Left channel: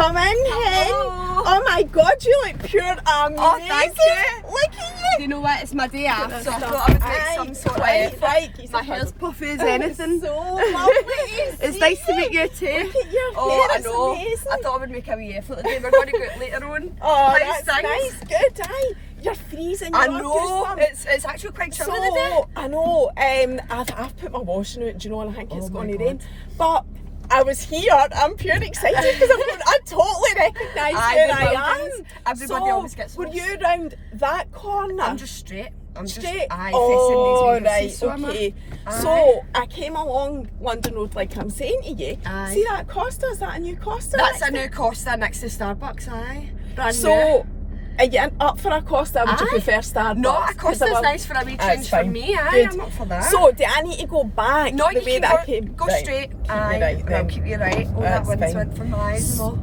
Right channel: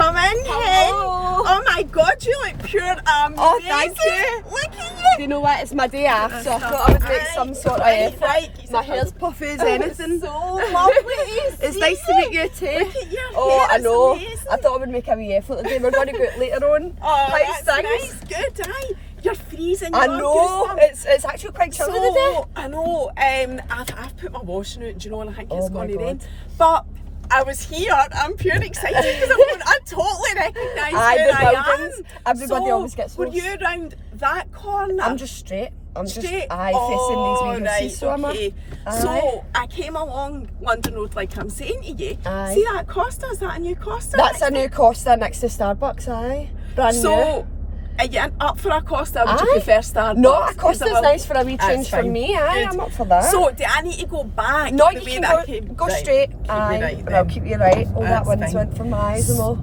Come in, hen. Oh my God, you look pure amazing. Oh, thank you. Look at you. Do you know what? It's my day off, so I thought I would make some sort of effort. Right. My hair's puffy as anything. So lovely to It's see nice to meet you you. too. Look at your Oh, hair, I it's know. amazing. I thought I would make a wee effort today. We're going to go out later on. Oh, Thanks, that's thanks. nice. Good, aye. You're freezing. I You're know. goosebumps. It's actually quite chilly today. So, I know. I've put my washing out, do you know, and I think it's Oh my going to God. rain. But I was here. I'm pure excited because I totally recognise where I am. Everybody always gets Were lost. you around that corner? I'm just straight. I'm straight. Just facing these wee right, houses, so I'm up. okay. Aye. So I came along London Road like I'm saying to you. Aye. See that Costa? Is that a new Costa? That's a new Costa next to Starbucks, aye. Brand new. So, are you up for a Costa? Would you Aye. prefer Starbucks? No, a 'Cause Costa's I'm nice for a wee That's change for fine. me, aye. Good. I'm up for that. So, do I need to go back No, the you way can that go, I came? go Right. straight. Keep Aye. me right And then. I'll keep you right. Oh, that That's one's fine. went for my eyes and all.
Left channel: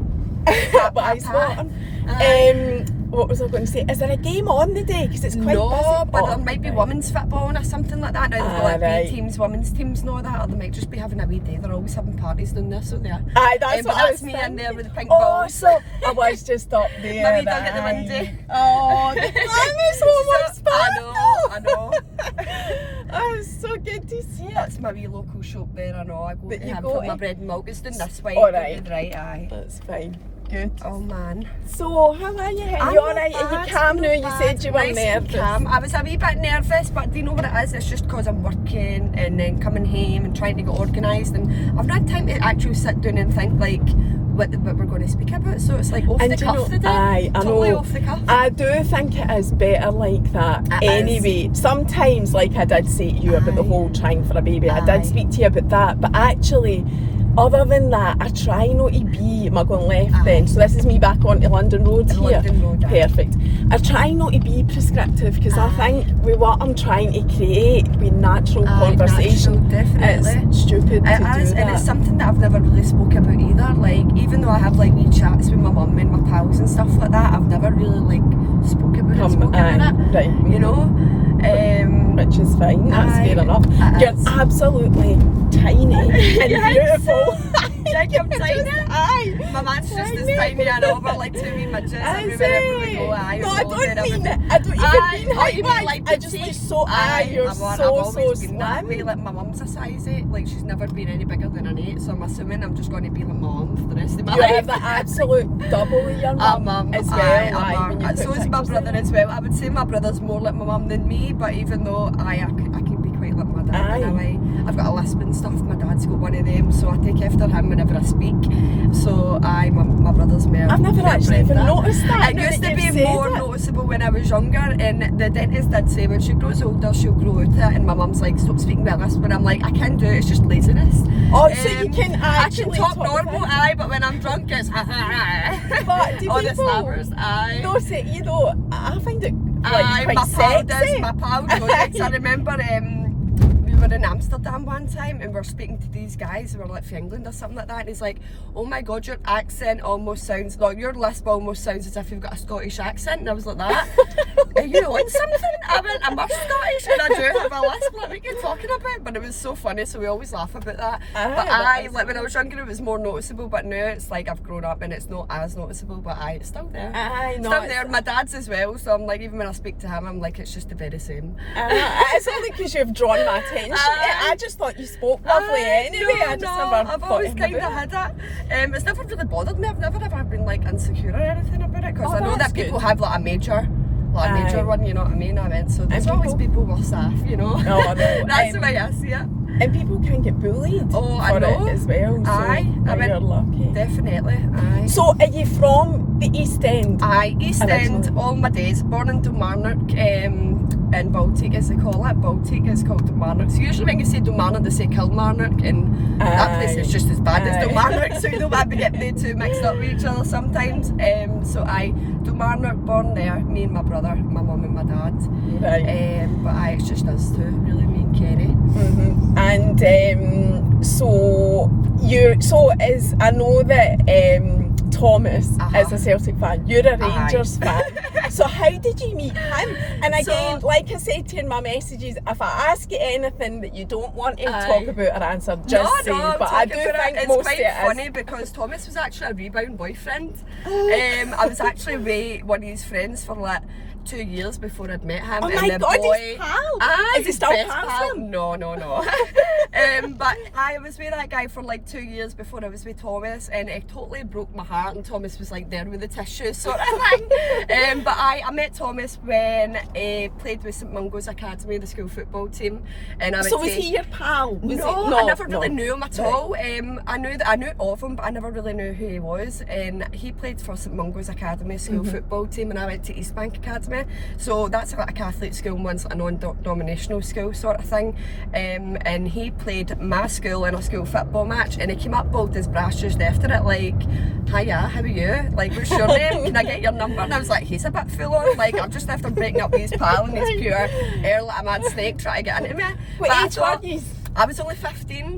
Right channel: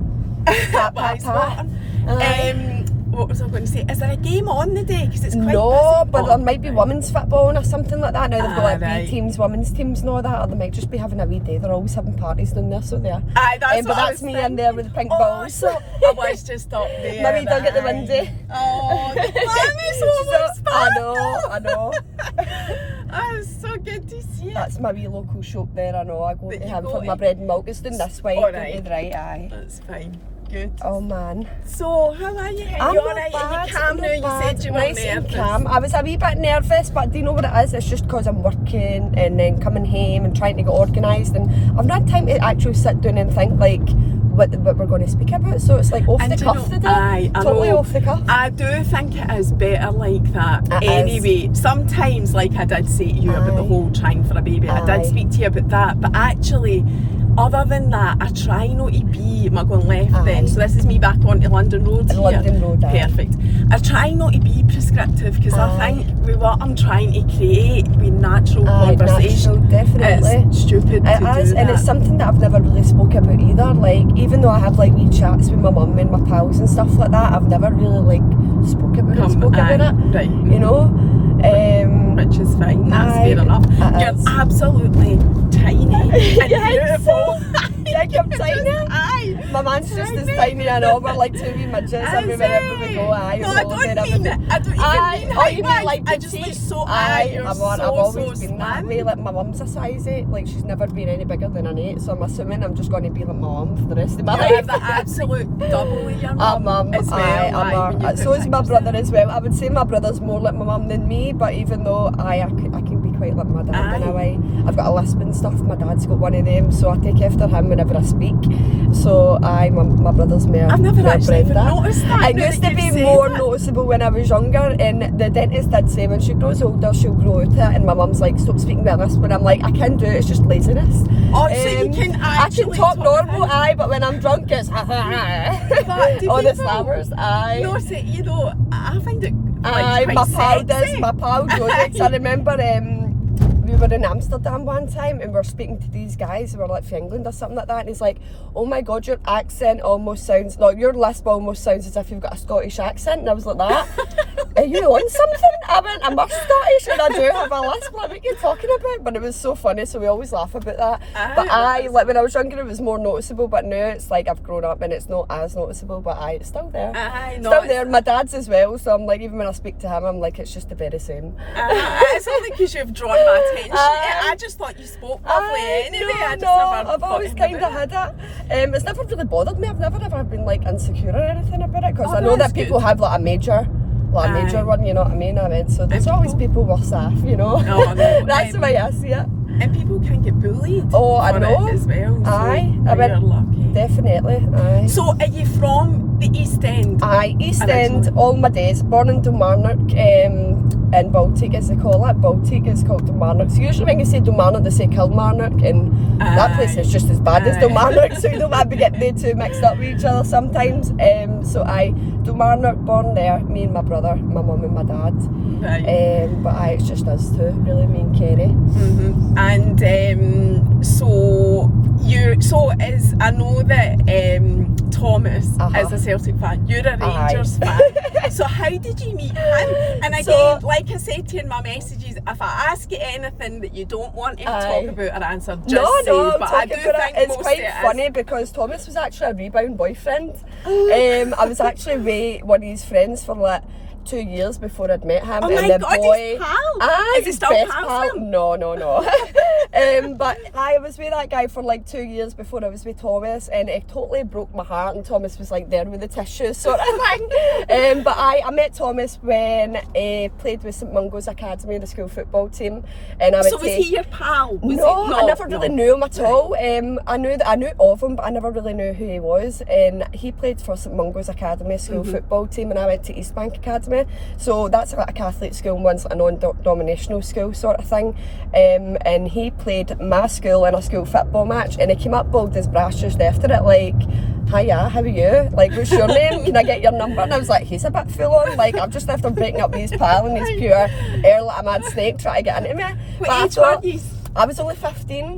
That's spot on. What was I going to say? Is there a game on the day? Because it's quite No, busy. but Oh, there might be right. women's football or something like that. Now they've got like right. B teams, women's teams and all that, or they might just be having a wee day. They're always having parties down there, so they are. Aye, that's But what I that's was me thinking. in there with the pink Oh, balls. so I was just up there. My wee dog at the aye. window. Oh, the glamour's almost I know. Oh, it's so good to see it. That's my wee local shop there, I know. I go That to you him go for to? my bread and milk. It's doing this way. All right. Right, aye. That's fine. Good. Oh man. So, how are you? Are I'm you not alright? Are bad, you calm not now? You bad. said you were Nice and nervous. calm. I was a wee bit nervous, but do you know what it is? It's just because I'm working and then coming home and trying to get organised, and I've not had time to actually sit down and think like what we're going to speak about. So it's like off And the do you cuff know- today. aye, I Totally know. off the cuff. I do think it is better like that. It Anyway, sometimes, like I did say to you about the Aye. whole trying for a baby, I Aye. did speak to you about that. But actually, other than that, I try not to be. Am I going left Aye. then? So this is me back onto London Road here. London Road, aye. Perfect. I try not to be prescriptive because I Aye. think with what I'm trying to create, with natural Aye, conversation, natural, definitely. it's stupid to It do is, and that. it's something that I've never really spoke about either. Like, even though I have like wee chats with my mum and my pals and stuff like that, I've never really like spoke about Aye, it. right. You know, Which is fine, that's Aye, fair enough. it You're is. absolutely tiny and beautiful. Like I'm tiny. Aye. My man's just as tiny and all, we're like two wee midgets everywhere we go. Aye, No, I all don't over mean everything. I don't even Aye, mean oh, you mean height-wise. like I just like so you're I've so always been that slim. way. Like my mum's a size 8, like she's never been any bigger than an 8, so I'm assuming I'm just going to be like my mum for the rest of my You're life. the absolute double of your I'm mum as well. aye, aye, when you so put is my pictures brother in. as well. I would say my brother's more like my mum than me, but even though I can be quite like my dad in a way. I've got a lisp and stuff, my dad's got one of them, so I take after him whenever I speak. So my brother's more. I've never more actually even Brenda. noticed that. It now used that to be you've said more it. noticeable when I was younger, and the dentist did say when she grows older she'll grow out it, and my mum's like, stop speaking with lisp, but I'm like, I can do it, it's just laziness. Oh, so you can I can actually talk normal, aye, but when I'm drunk it's But do all the people- slammers, aye. No, see, you know, I find it Aye, like my quite pal sexy. does, my pal goes. I remember we were in Amsterdam one time and we were speaking to these guys who were like from England or something like that, and he's like, oh my god, your accent almost sounds, no, your lisp almost sounds as if you've got a Scottish accent, and I was like, that? Are you on something? I went, I'm Scottish and I do have a lisp, like, what are you talking about? But it was so funny, so we always laugh about that. But I, like when I was younger it was more noticeable, but now it's like I've grown up and it's not as noticeable, but it's still there. Aye, no, Still it's- there. My dad's as well, so I'm like, even when I speak to him, I'm like, it's just the very same. It's only because you've drawn my attention. I just thought you spoke lovely anyway. I just never I've thought always anything kind of about had it. It's never really bothered me. I've never ever been like insecure or anything about it, because Oh, I know that's that people good. have like a major Aye. one, you know what I mean? So there's And always people worse off, you know. No, I know. That's the way I see it. And people can get bullied Oh, I for know. it as well. So Aye, I you're went- lucky. Definitely. Aye. So are you from the East End? Aye, East End, Originally. all my days. Born in Kilmarnock, in Baltic as they call it. Baltic is called Kilmarnock. So usually when you say Kilmarnock, they say Kilmarnock, and that place is just as bad as Aye. Kilmarnock, so you don't want to be getting the two mixed up with each other sometimes. So Kilmarnock, born there, me and my brother, my mum and my dad. Right. But it's just us two, really, me and Kerry. Mm-hmm. And so I know that Thomas is a Celtic fan, you're a Rangers fan. So how did you meet him? And again, like I said to you in my messages, if I ask you anything that you don't want to talk about or answer, just say. But I do think it's most quite of it funny because Thomas was actually a rebound boyfriend. I was actually with one of his friends for like 2 years before I'd met him. Oh my God, his pal? Is he still pal? No. But I was with that guy for like 2 years before I was with Thomas, and it totally broke my heart, and Thomas was like there with the tissues sort of thing. But I met Thomas when he played with St Mungo's Academy, the school football team. And I so was he your pal? I never really knew him at all. I knew of him, but I never really knew who he was. And he played for St Mungo's Academy school football team, and I went to East Bank Academy. So that's like a Catholic school, and one's a non-denominational school sort of thing. And he played my school in a school football match, and he came up bold as brass just after it, like, hiya, how are you? Like, what's your name? Can I get your number? And I was like, he's a bit full on. Like, I've just after breaking up with his pal, and he's pure air like a mad snake trying to get into me. What age were you? I was only 15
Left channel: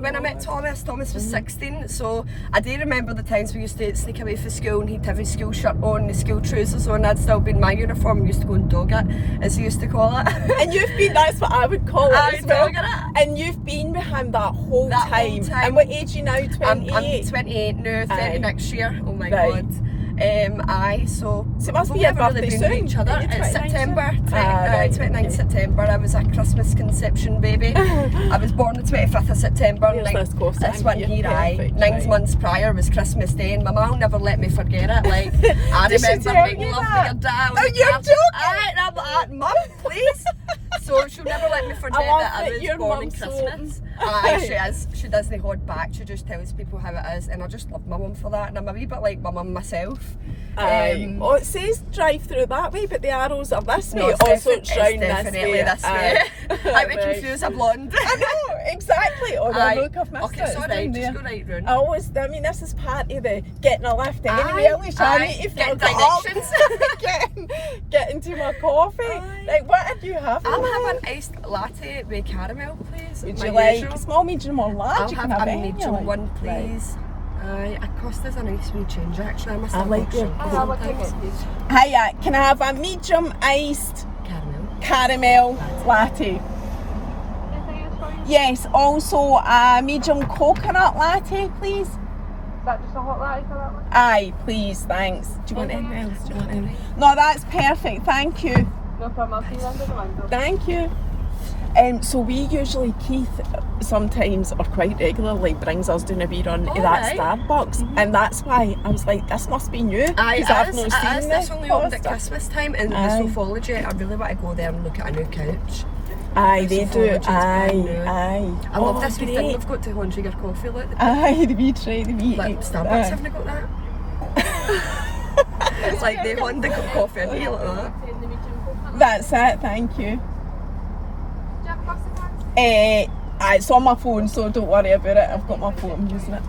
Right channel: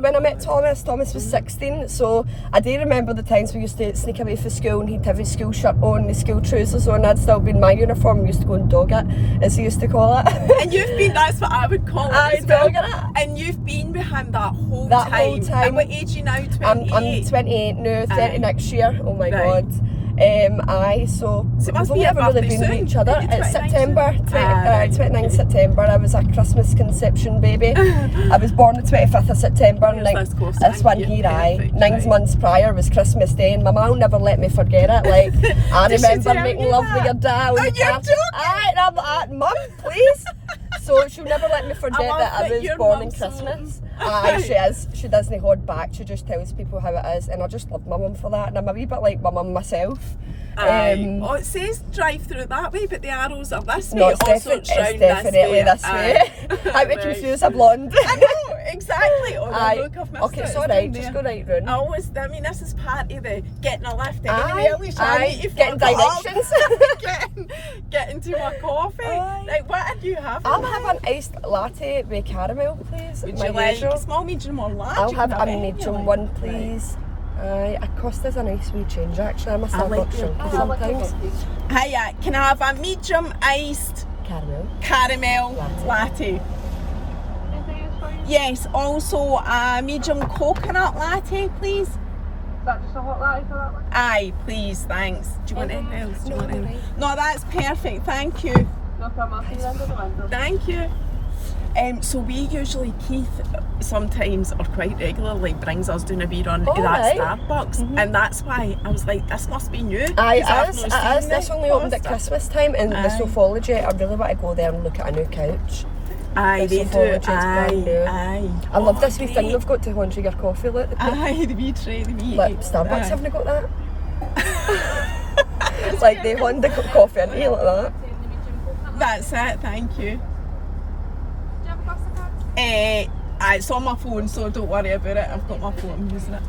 when I met Thomas. Thomas was 16, so I do remember the times we used to sneak away from school, and he'd have his school shirt on, his school trousers on. I'd still be in my uniform. We used to go and dog it, as he used to call it. And you've been, that's what I would call it as well. And you've been with him that whole time. And what age are you now, 28? I'm 28 now, 30 next year. Oh my God. So it must we've be never really been with each other. It's September, 29th September. I was a Christmas conception baby. I was born the 25th of September. This one here, 9 months prior was Christmas Day, and my mum never let me forget it. Like, I remember making love with your dad. Oh, you're joking? And I'm like, Mum, please. So she'll never let me forget that I was born on Christmas. She is. She doesn't hold back. She just tells people how it is, and I just love my mum for that. And I'm a wee bit like my mum myself. Well, it says drive through that way, but the arrows are this way. No, it's definitely this way. How would confuse a blonde? I know, exactly. Oh, look, I've missed okay, it's alright, just go right round. I mean, this is part of the getting a lift. Alicia, I need to getting directions. get into my coffee. Like, what did you have? I'll have an iced latte with caramel, please. Would you like a small, medium, or large? I'll have a medium one, please. It cost us a nice wee change, actually. I must have like your sometimes. Hiya, can I have a medium iced caramel latte? Yes, also a medium coconut latte, please. Is that just a hot latte for that one? Aye, please, thanks. Do you want anything else? No, that's perfect, thank you. No problem, I'll see you under the window. Thank you. So we usually, Keith sometimes or quite regularly brings us down a wee run to that Starbucks, and that's why I was like, this must be new. This only opened at Christmas time, and the Sophology, I really want to go there and look at a new couch. Aye, they do. Aye. I love this wee thing they've got to laundry your coffee. Look, aye, the wee tray, the wee. Like Starbucks haven't got that. It's like they Honda got coffee in here like that. That's it, thank you. It's on my phone, so don't worry about it. I've got my phone, I'm using it.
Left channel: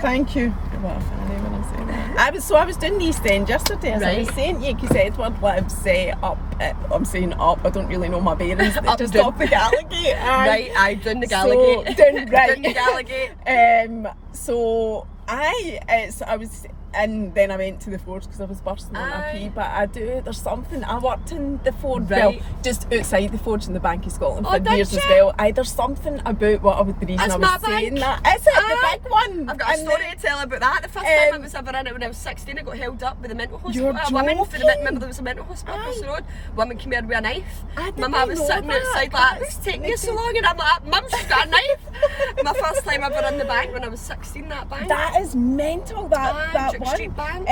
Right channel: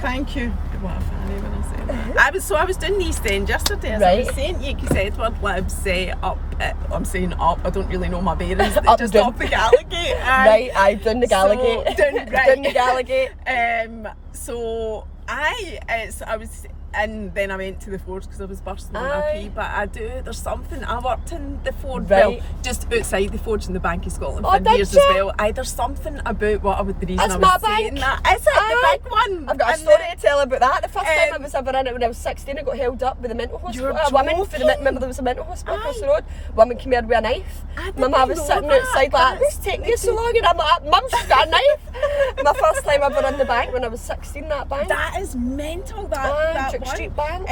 Thank you. What a fanny when I say that. I was doing the East End yesterday, as I was saying to you, because Edward lives up at, I'm saying up, I don't really know my bearings, just up the Gallagate. Right, down the Gallagate. Down the Gallagate. I was, and then I went to the Forge because I was bursting on a pee, but there's something, I worked in the Forge, well, just outside the Forge in the Bank of Scotland for years as well. There's something about the reason I was saying that. Is it the big one? I've got a story to tell about that. The first time I was ever in it when I was 16, I got held up with a mental hospital. Remember there was a mental hospital across the road. Woman came here with a knife. My mum was sitting outside like, what's taking you so long? And I'm like, Mum's got a knife. My first time ever in the bank when I was 16, that bank. That is mental, that Duke Street Bank.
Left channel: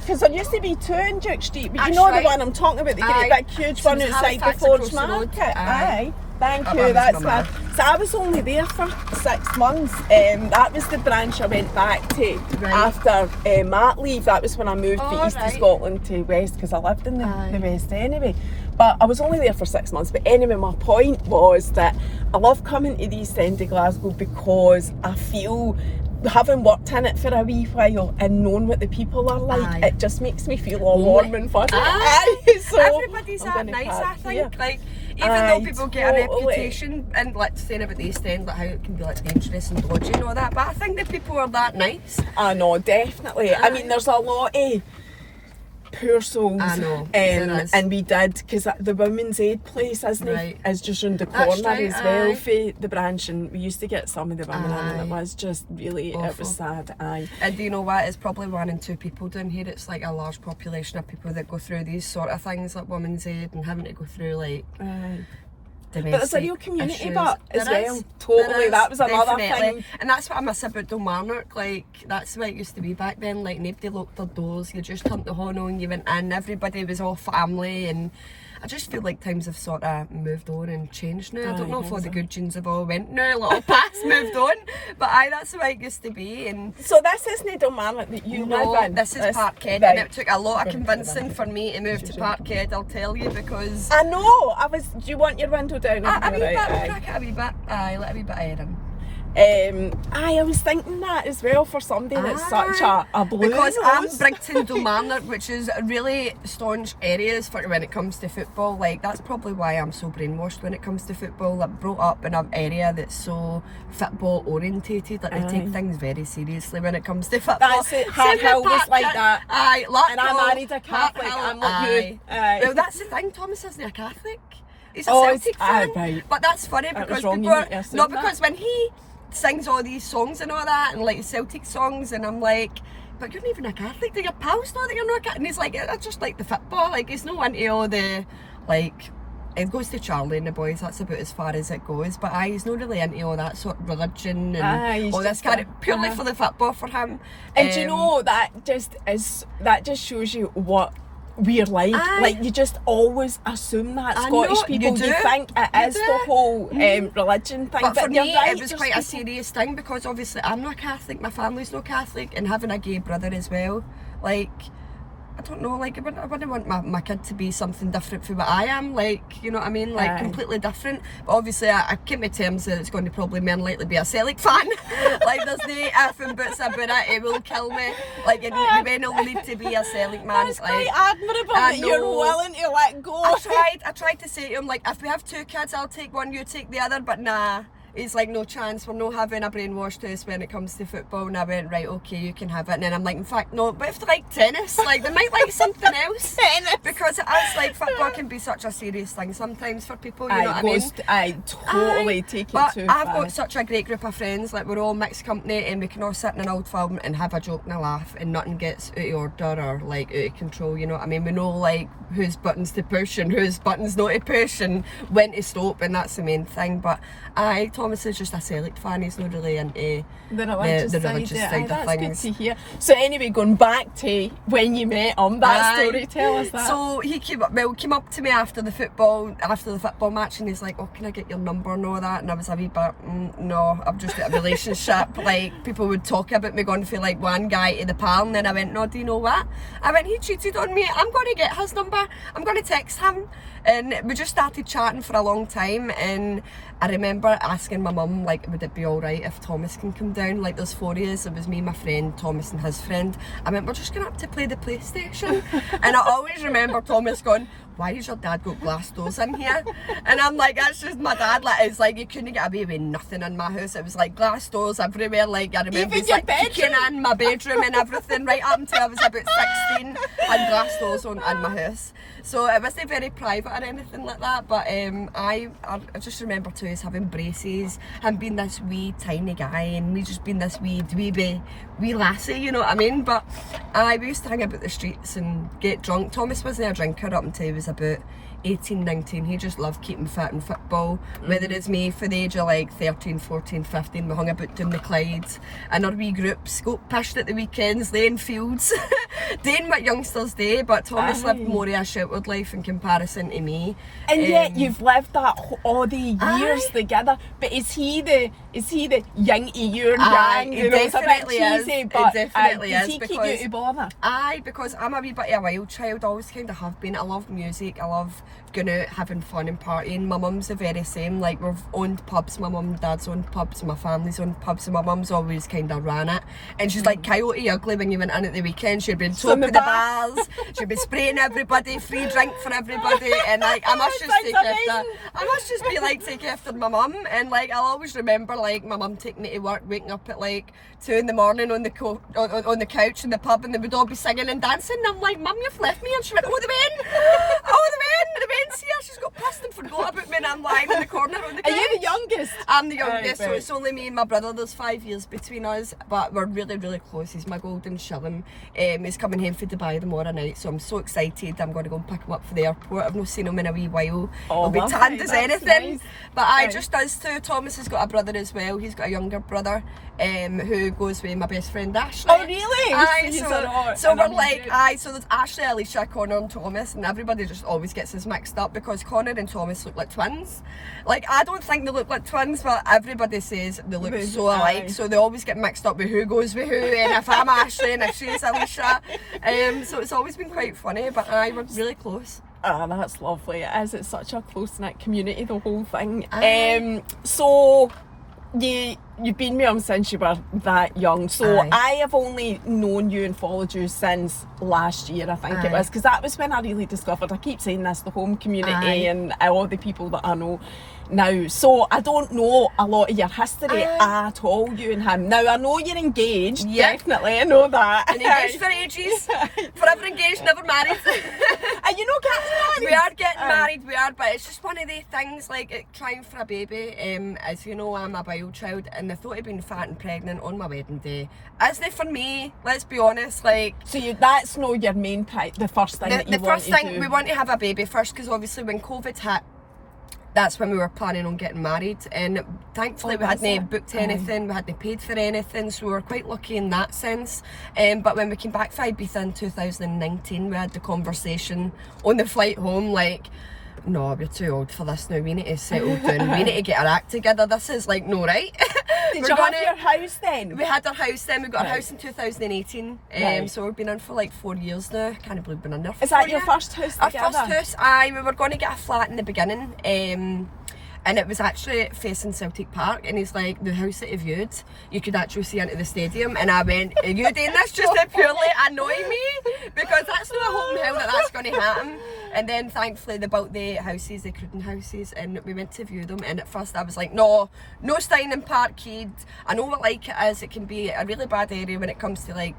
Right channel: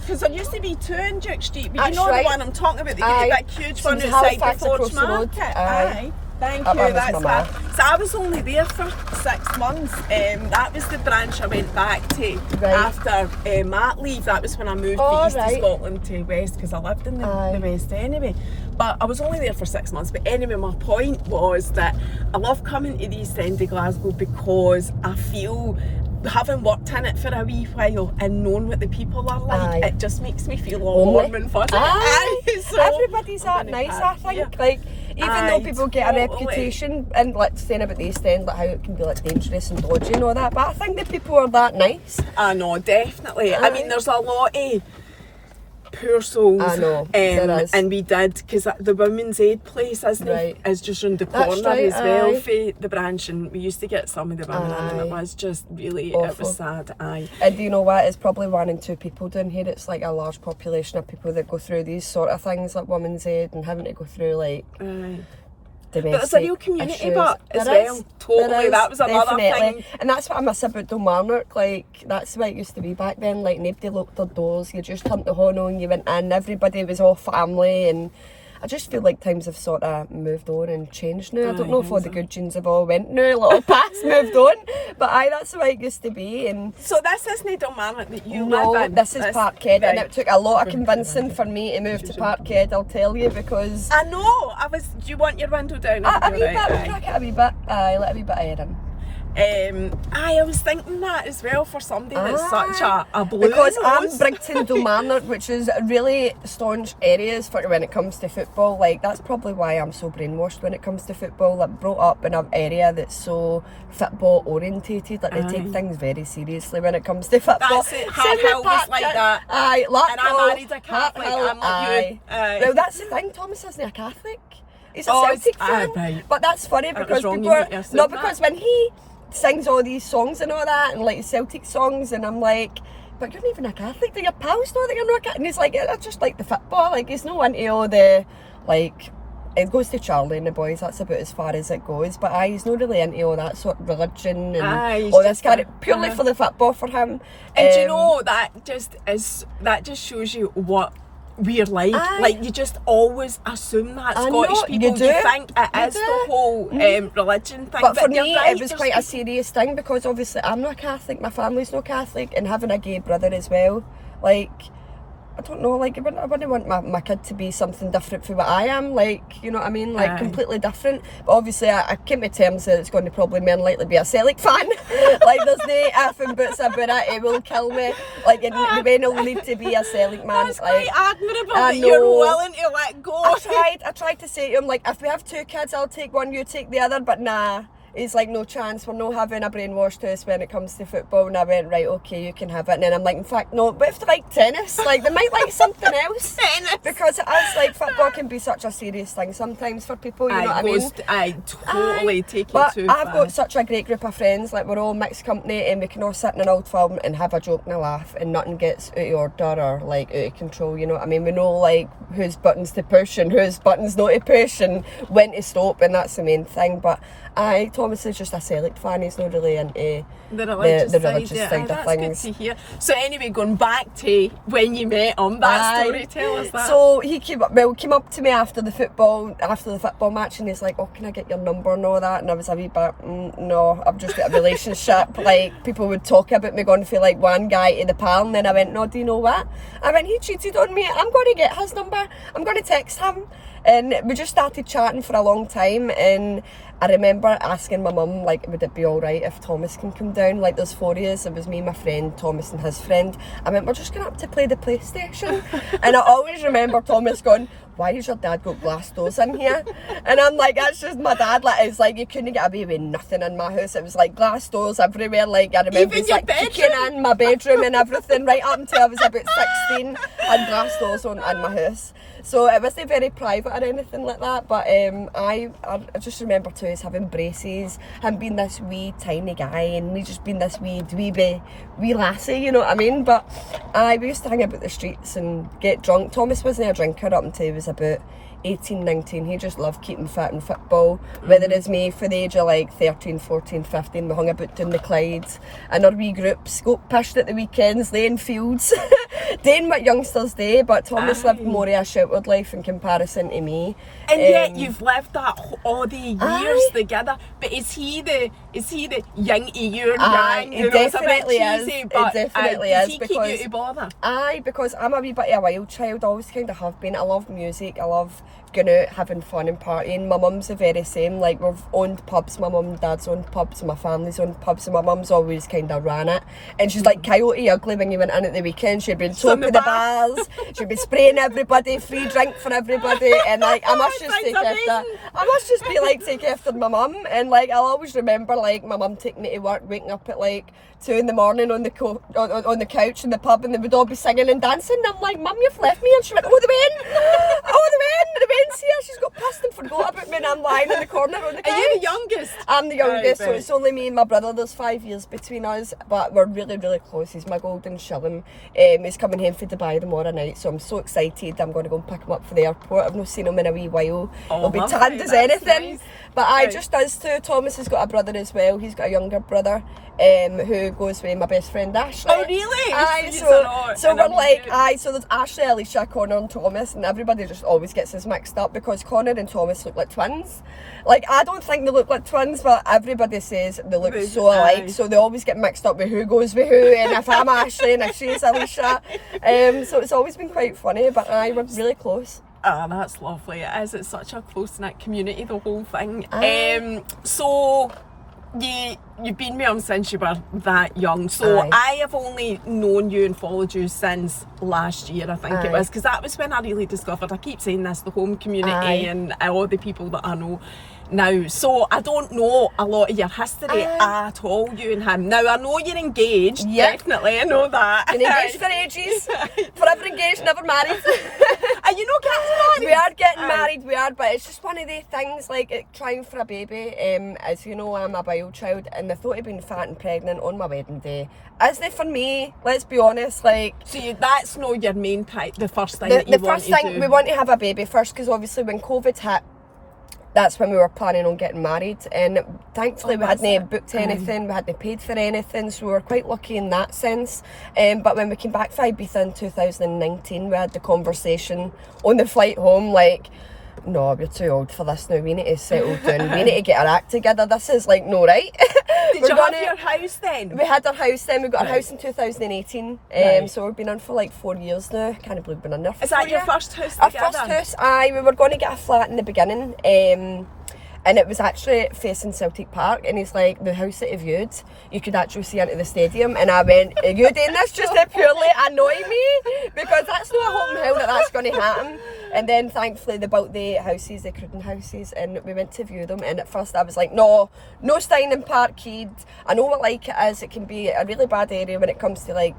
Because there used to be two in Duke Street, but you know the one I'm talking about, that huge one outside the Forge Market. Aye. Thank you, that's fab. So I was only there for 6 months. That was the branch I went back to after mat leave. That was when I moved to East of Scotland to West, because I lived in the West anyway. But I was only there for 6 months. But anyway, my point was that I love coming to the East End of Glasgow because I feel, having worked in it for a wee while and knowing what the people are like, it just makes me feel all warm and fuzzy. So everybody's that nice, I think. Like, Even though people get a reputation and like saying about the East End, like how it can be like dangerous and dodgy and all that, but I think that people are that nice. I know, definitely. I mean, there's a lot of poor souls. I know, there is. And we did, because the Women's Aid place, isn't it? Is just round the corner right, as well for the branch, and we used to get some of the women in, and it was just really, awful. it was sad. And do you know what? It's probably 1 in 2 people down here. It's like a large population of people that go through these sort of things, like Women's Aid, and having to go through like but it's a real community, issues. but as well, totally, that was another thing. And that's what I miss about Kilmarnock, like that's what it used to be back then, like nobody locked their doors, you just turned the horn on, you went in, everybody was all family, and I just feel like times have sort of moved on and changed now. I don't know if all the good genes have all went now, like all past moved on, but that's the way it used to be. And so this isn't Kilmarnock that you live in? This is Parkhead, and it took a lot of convincing for me to move to Parkhead, I'll tell you, because... I know, do you want your window down? A wee bit, let a wee bit of air in. I was thinking that as well for somebody that's such a blue because nose. I'm Brigton Kilmarnock, which is really staunch areas for when it comes to football. Like that's probably why I'm so brainwashed when it comes to football. Like brought up in an area that's so football orientated. Like they take things very seriously when it comes to football. That's it. Hard Hill was like that. Aye, and I married a Catholic. I'm like you. Well, that's the thing. Thomas isn't a Catholic. He's a Celtic fan. Right. But that's funny because people are because when he sings all these songs and all that, and like Celtic songs, and I'm like, but you're not even a Catholic, do your pals know that you're not a Catholic? And he's like, I just like the football, like he's no into all the, like, it goes to Charlie and the boys, that's about as far as it goes, but he's not really into all that sort of religion and all this kind of, purely for the football for him. And do you know, that just shows you what we're like you just always assume that Scottish people, you think it is the whole religion thing, but for me it was quite a serious thing, because obviously I'm not Catholic, my family's not Catholic, and having a gay brother as well, like I don't know, like I wouldn't want my kid to be something different from what I am, like, you know what I mean, like completely different. But obviously I came to terms that it's going to probably more likely be a Celtic fan. Like there's no if and buts about it, it will kill me. Like you will need to be a Celtic man. That's like, quite admirable that you're willing to let go. I tried to say to him, like, if we have 2 kids, I'll take one, you take the other, but nah. He's like, no chance, we're not having a brainwashed house when it comes to football. And I went, right, okay, you can have it. And then I'm like, in fact, no, but if they like tennis, like they might like something else. Tennis. Because it's like, football can be such a serious thing sometimes for people, you know what I mean? I totally take it too far. I've got such a great group of friends, like we're all mixed company, and we can all sit in an old film and have a joke and a laugh, and nothing gets out of order or like out of control, you know what I mean? We know like whose buttons to push and whose buttons not to push and when to stop, and that's the main thing. But Thomas is just a Celtic fan, he's not really into the religious side of things. That's good to hear. So anyway, going back to when you met him, that story, tell us that. So he came up to me after the football match, and he's like, oh, can I get your number and all that? And I was a wee bit, no, I've just got a relationship. Like people would talk about me going from like one guy to the pal, and then I went, no, do you know what? I went, he cheated on me, I'm going to get his number, I'm going to text him. And we just started chatting for a long time, and I remember asking my mum, like, would it be alright if Thomas can come down? Like, there's 4 years, it was me, my friend, Thomas and his friend. I went, we're just going up to play the PlayStation. And I always remember Thomas going, why has your dad got glass doors in here? And I'm like, that's just my dad. Like, it's like, you couldn't get away with nothing in my house. It was like glass doors everywhere. Like, I remember even your bedroom? in my bedroom and everything, right up until I was about 16, had glass doors in my house. So it wasn't very private or anything like that, but I just remember too is having braces, him being this wee tiny guy, and me just being this wee lassie, you know what I mean? But we used to hang about the streets and get drunk. Thomas wasn't a drinker up until he was about 18, 19, he just loved keeping fit in football. Whether it's me for the age of like 13, 14, 15, we hung about doing the Clydes, and our wee groups got pished at the weekends, laying fields, doing what youngsters do, but Thomas lived more of a sheltered life in comparison to me. And yet you've lived that all the years together. But is he the young your gang? You know, it's a bit cheesy, but does he keep you to bother? Because I'm a wee bit of a wild child, always kind of have been. I love music, I love going out, having fun and partying. My mum's the very same. Like, we've owned pubs, my mum and dad's owned pubs, my family's owned pubs, and my mum's always kind of ran it. And she's like Coyote Ugly when you went in at the weekend. She'd been top of the bars, she'd be spraying everybody, free drink for everybody, and like, I must just take after my mum. And like, I'll always remember like my mum taking me to work, waking up at like 2 in the morning on the on the couch in the pub, and they would all be singing and dancing. And I'm like, Mum, you've left me. And she went, oh, the Ben's here. She's got pissed and forgot about me, and I'm lying in the corner on the couch. Are you the youngest? I'm the youngest, so it's only me and my brother. There's 5 years between us, but we're really, really close. He's my golden shilling. He's coming home from Dubai tomorrow night, so I'm so excited. I'm going to go and pick him up for the airport. I've not seen him in a wee while. He'll be tanned as anything. Nice. But just us two. Thomas has got a brother as well. He's got a younger brother. Who goes with my best friend Ashley. Oh really? So we're like, so there's Ashley, Alicia, Connor and Thomas, and everybody just always gets us mixed up because Connor and Thomas look like twins. Like, I don't think they look like twins, but everybody says they look so alike, so they always get mixed up with who goes with who, and if I'm Ashley and if she's Alicia. So it's always been quite funny, but we're really close. Oh, that's lovely. It is. It's such a close-knit community, the whole thing. So you've been with him since you were that young, so I have only known you and followed you since last year, I think it was, because that was when I really discovered, I keep saying this, the home community and all the people that I know now. So I don't know a lot of your history at all, you and him. Now I know you're engaged, definitely, I know that. Been engaged for ages, forever engaged, never married. Are you not getting married? We are getting married, but it's just one of the things, like trying for a baby. As you know, I'm a bio child, and the thought of being fat and pregnant on my wedding day isn't for me, let's be honest. Like, so that's not your main the first thing that you want to do? The first thing, we want to have a baby first, because obviously when COVID hit, that's when we were planning on getting married, and thankfully we hadn't booked anything, we hadn't paid for anything, so we were quite lucky in that sense. But when we came back from Ibiza in 2019, we had the conversation on the flight home, like, no, we're too old for this now, we need to settle down, we need to get our act together, this is like no right. Did you have your house then? We had our house then, we got our house in 2018, so we've been on for like 4 years now, can't believe we've been on there for 4 years. Is that your first house together? Our first house, we were going to get a flat in the beginning, and it was actually facing Celtic Park, and he's like, the house that you viewed, you could actually see into the stadium, and I went, are you doing this just to purely annoy me? Because that's not a hope in hell that that's going to happen. And then thankfully they built the houses, the Cruden houses, and we went to view them, and at first I was like, no staying in Park Keed. I know what like it is, it can be a really bad area when it comes to like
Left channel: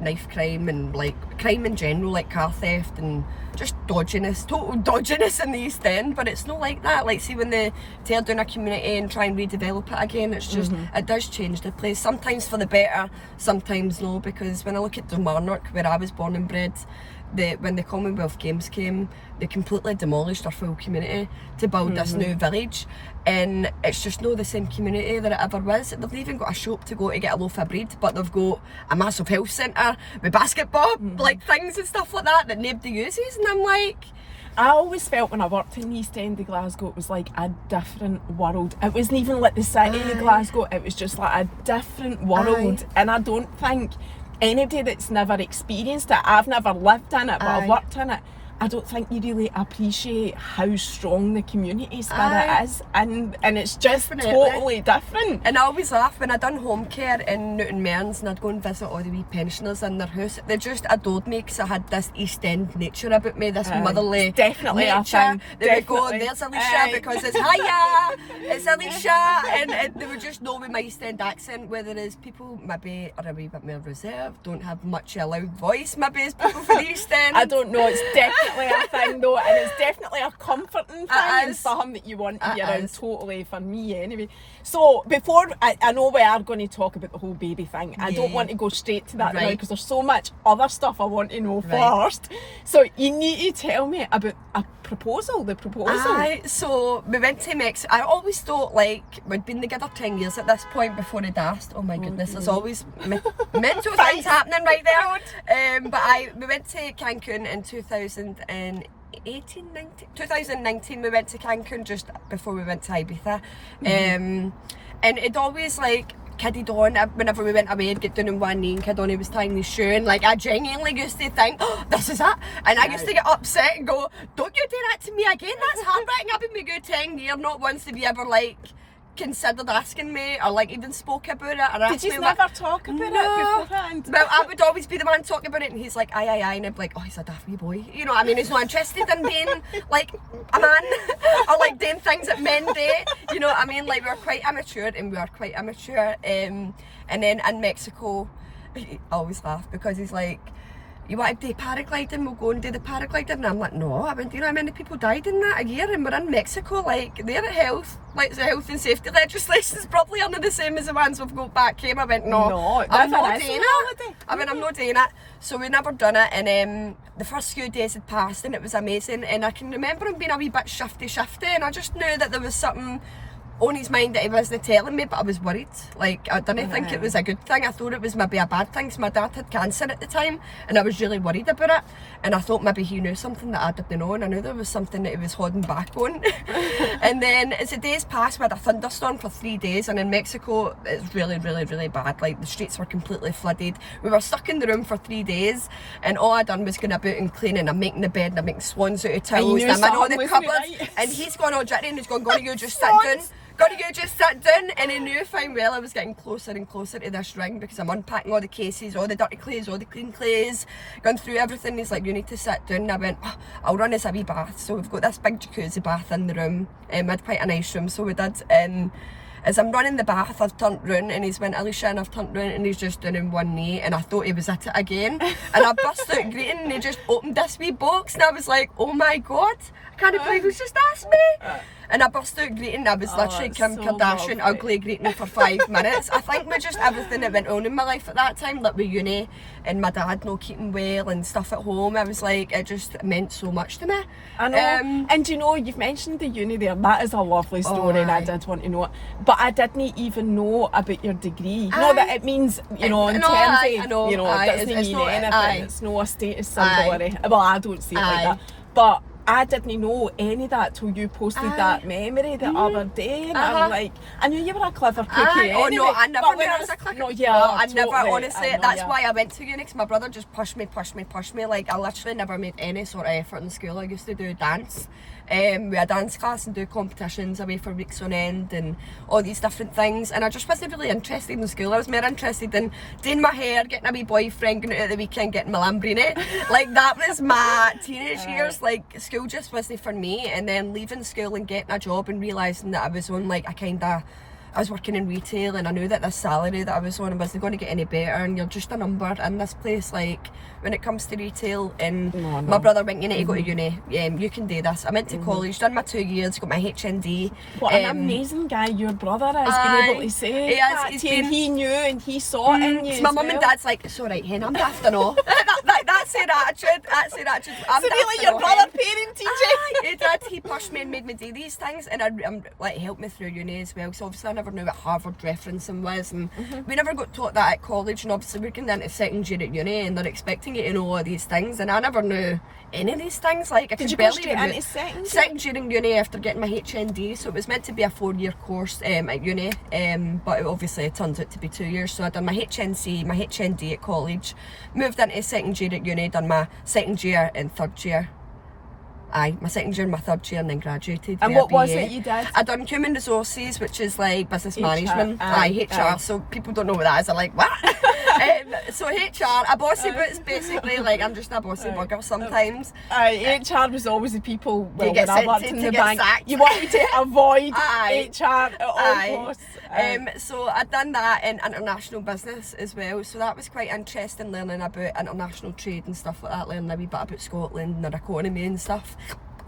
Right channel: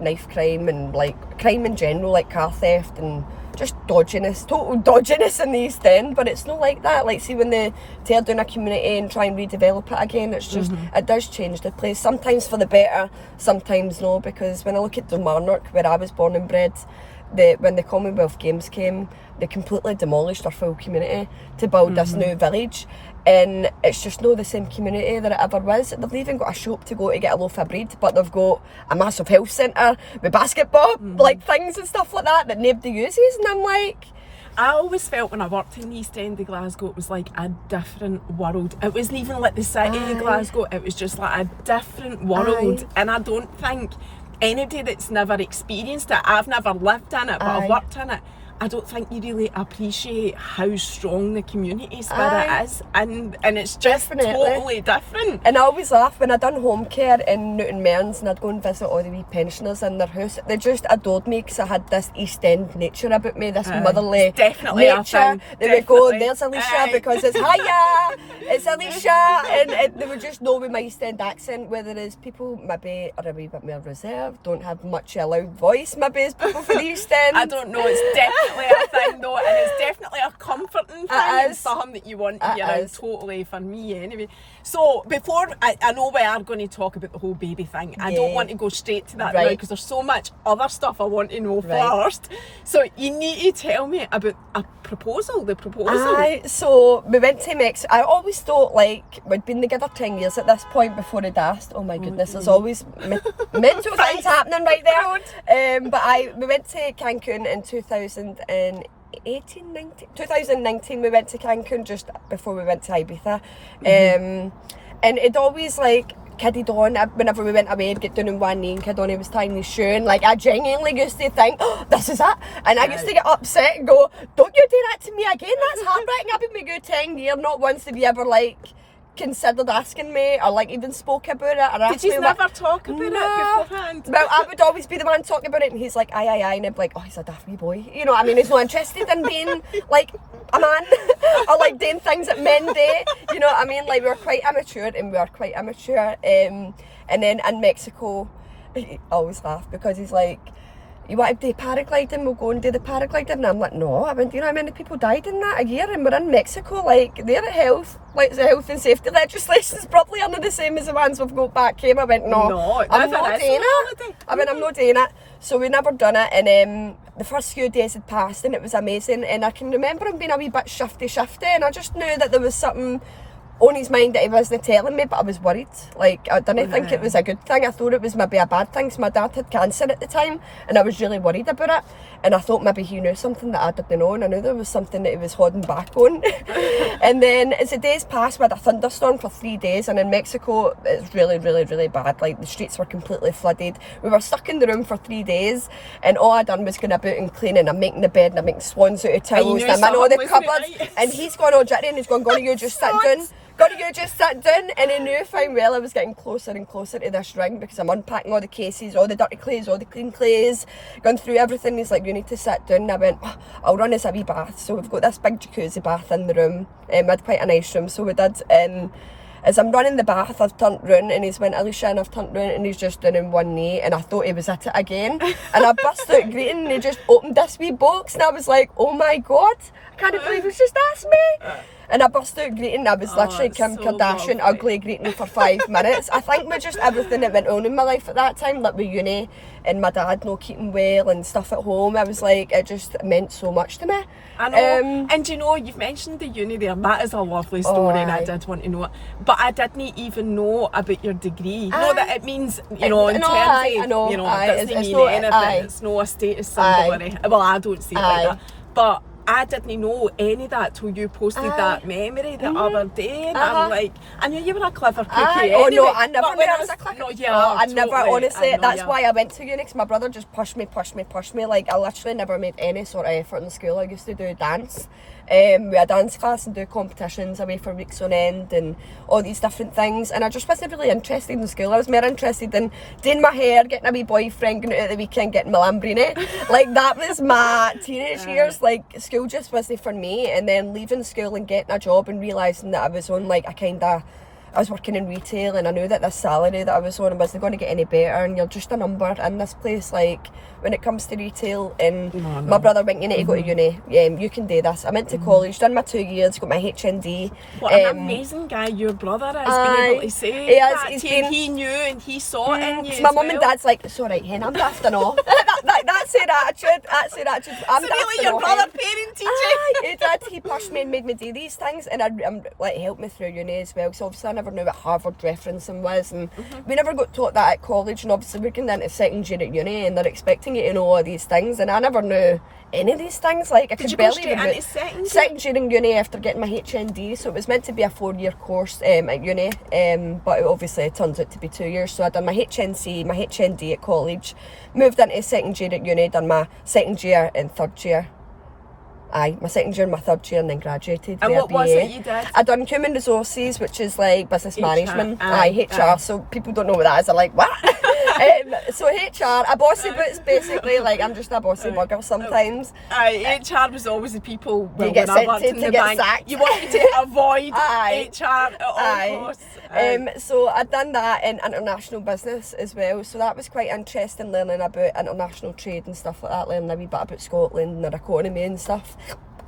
knife crime and like crime in general, like car theft and just dodginess, total dodginess in the East End, but it's not like that. Like, see, when they tear down a community and try and redevelop it again, it's just, it does change the place, sometimes for the better, sometimes no, because when I look at Dunmarnock, where I was born and bred, when the Commonwealth Games came, they completely demolished our full community to build this new village, and it's just not the same community that it ever was. They've even got a shop to go to get a loaf of bread, but they've got a massive health centre with basketball like things and stuff like that nobody uses, and I'm like, I always felt when I worked in the East End of Glasgow, it was like a different world. It wasn't even like the city of Glasgow, it was just like a different world. And I don't think anybody that's never experienced it, I've never lived in it, but I've worked in it, I don't think you really appreciate how strong the community spirit is, and it's just totally different. And I always laugh when I done home care in Newton Mearns, and I'd go and visit all the wee pensioners in their house. They just adored me because I had this East End nature about me, this motherly definitely nature. They would go, there's Alicia, because it's hiya, it's Alicia, and they would just know with my East End accent, whether it's people maybe are a wee bit more reserved, don't have much a loud voice maybe as people from the East End. I don't know, it's definitely a thing though, and it's definitely a comforting thing and something that you want to be around, totally, for me anyway. So before, I know we are going to talk about the whole baby thing, I don't want to go straight to that now because there's so much other stuff I want to know first. So you need to tell me about the proposal. So we went to Mexico. I always thought, like, we'd been together 10 years at this point before he asked. Oh my goodness, there's always mental things happening right there. But we went to Cancun in 2019 we went to Cancun just before we went to Ibiza, and it always, like, kidded on. Whenever we went away, I'd get down on one knee and kid on, he was tying his shoe, and like I genuinely used to think, oh, this is it. And I used to get upset and go, don't you do that to me again, that's heartbreaking. I've been with you 10 years, not once did you ever like considered asking me or like even spoke about it. Or did you never talk about it beforehand? Well, I would always be the one talking about it, and he's like, aye, and I'd be like, oh, he's a daft wee boy. You know what I mean? He's not interested in being like a man or like doing things that men do. You know what I mean? Like we were quite immature. And then in Mexico, I always laugh because he's like, you want to do paragliding, we'll go and do the paragliding. And I'm like, no, I mean, do you know how many people died in that a year? And we're in Mexico, like, they're at health, like the health and safety legislation's probably under the same as the ones we've got back home. I went, no, I'm not doing it. I mean, I'm not doing it. So we never done it, and the first few days had passed and it was amazing, and I can remember him being a wee bit shifty, and I just knew that there was something on his mind that he wasn't telling me, but I was worried. Like, I didn't think it was a good thing. I thought it was maybe a bad thing. So my dad had cancer at the time, and I was really worried about it. And I thought maybe he knew something that I didn't know, and I knew there was something that he was holding back on. And then as the days passed, we had a thunderstorm for 3 days, and in Mexico, it's really, really, really bad. Like, the streets were completely flooded. We were stuck in the room for 3 days, and all I done was going about and cleaning. I'm making the bed, and I'm making swans out of towels, and I'm in all the cupboards. Right? And he's gone all jittery, and he's gone, you just sit down. You just sit down, and he knew fine well I was getting closer and closer to this ring because I'm unpacking all the cases, all the dirty clays, all the clean clays, going through everything. He's like, you need to sit down. And I went, I'll run us a wee bath. So we've got this big jacuzzi bath in the room, we had quite a nice room, so we did. And as I'm running the bath, I've turned round, and he's went, Alicia, and I've turned round, and he's just down on one knee, and I thought he was at it again. And I burst out greeting, and he just opened this wee box, and I was like, oh my God, I can't believe he's just asked me. And I burst out greeting. I was literally Kim Kardashian, ugly greeting for 5 minutes. I think with just everything that went on in my life at that time, like with uni and my dad not keeping well and stuff at home, I was like, it just meant so much to me. I know. And you know, you've mentioned the uni there. That is a lovely story, and I did want to know it. But I didn't even know about your degree. Not that it means, you know, in terms of, you know, it doesn't mean anything. It's not a status symbol. Well, I don't see it like that. But I didn't know any of that till you posted that memory the other day, and I'm like, I knew you were a clever cookie anyway. Oh no, I never knew I was a clever cookie. I totally, never, honestly, that's why I went to uni, because my brother just pushed me. Like, I literally never made any sort of effort in school. I used to do dance. We had dance class and do competitions away for weeks on end and all these different things, and I just wasn't really interested in school. I was more interested in doing my hair, getting a wee boyfriend, going out at the weekend, getting my Lamborghini. Like, that was my teenage years. Like, school just wasn't for me. And then leaving school and getting a job and realising that I was on like I was working in retail, and I knew that this salary that I was on wasn't going to get any better, and you're just a number in this place, like, when it comes to retail. And my brother went, you need to go to uni, you can do this. I went to college, done my 2 years, got my HND. What an amazing guy your brother is, being able to say that to you, and he knew and he saw it in you. My mum and dad's like, it's alright, hen, I'm daft and all. That's their attitude. I'm so really your brother parented you? He did. He pushed me and made me do these things, and like, helped me through uni as well. So obviously I never knew what Harvard referencing was, and we never got taught that at college. And obviously we're going into second year at uni, and they're expecting you to know all these things, and I never knew any of these things. Like, I did you go straight into second year in uni after getting my HND? So it was meant to be a 4-year course at uni, but it obviously turns out to be 2 years. So I done my HNC, my HND at college, moved into second year at uni, done my second year and third year. My second year and my third year, and then graduated. And what was it you did? I done human resources, which is like business management. HR. So people don't know what that is. They're like, what? So HR, a bossy boots, basically. Like, I'm just a bossy bugger sometimes. HR was always the people. Well, when I worked in the bank, you wanted to avoid HR at all costs. So I'd done that in international business as well. So that was quite interesting, learning about international trade and stuff like that. Learning a wee bit about Scotland and their economy and stuff.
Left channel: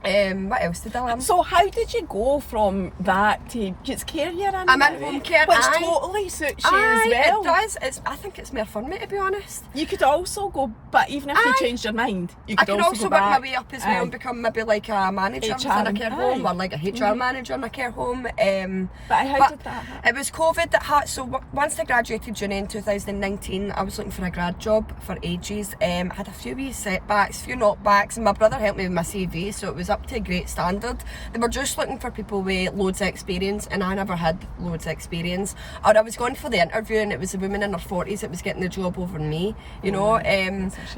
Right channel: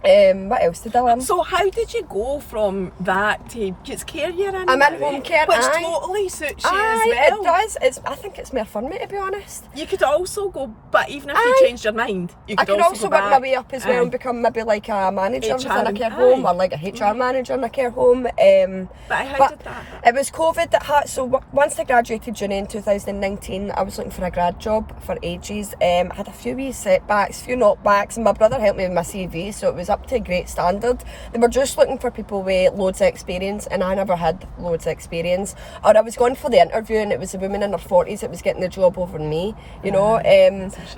What else did I learn? So how did you go from that to, it's care you're in? I'm in home care, which totally suits you as well. It does. I think it's more fun, to be honest. You could also go, but even if you changed your mind, you could also work my way up as well and become maybe like a manager within a care home, or like a HR manager in a care home. But how did that happen? It was COVID that had, so once I graduated uni in 2019, I was looking for a grad job for ages. I had a few wee setbacks, few knockbacks, and my brother helped me with my CV, so it was was up to a great standard. They were just looking for people with loads of experience, and I never had loads of experience. Or I was going for the interview and it was a woman in her 40s that was getting the job over me, you know.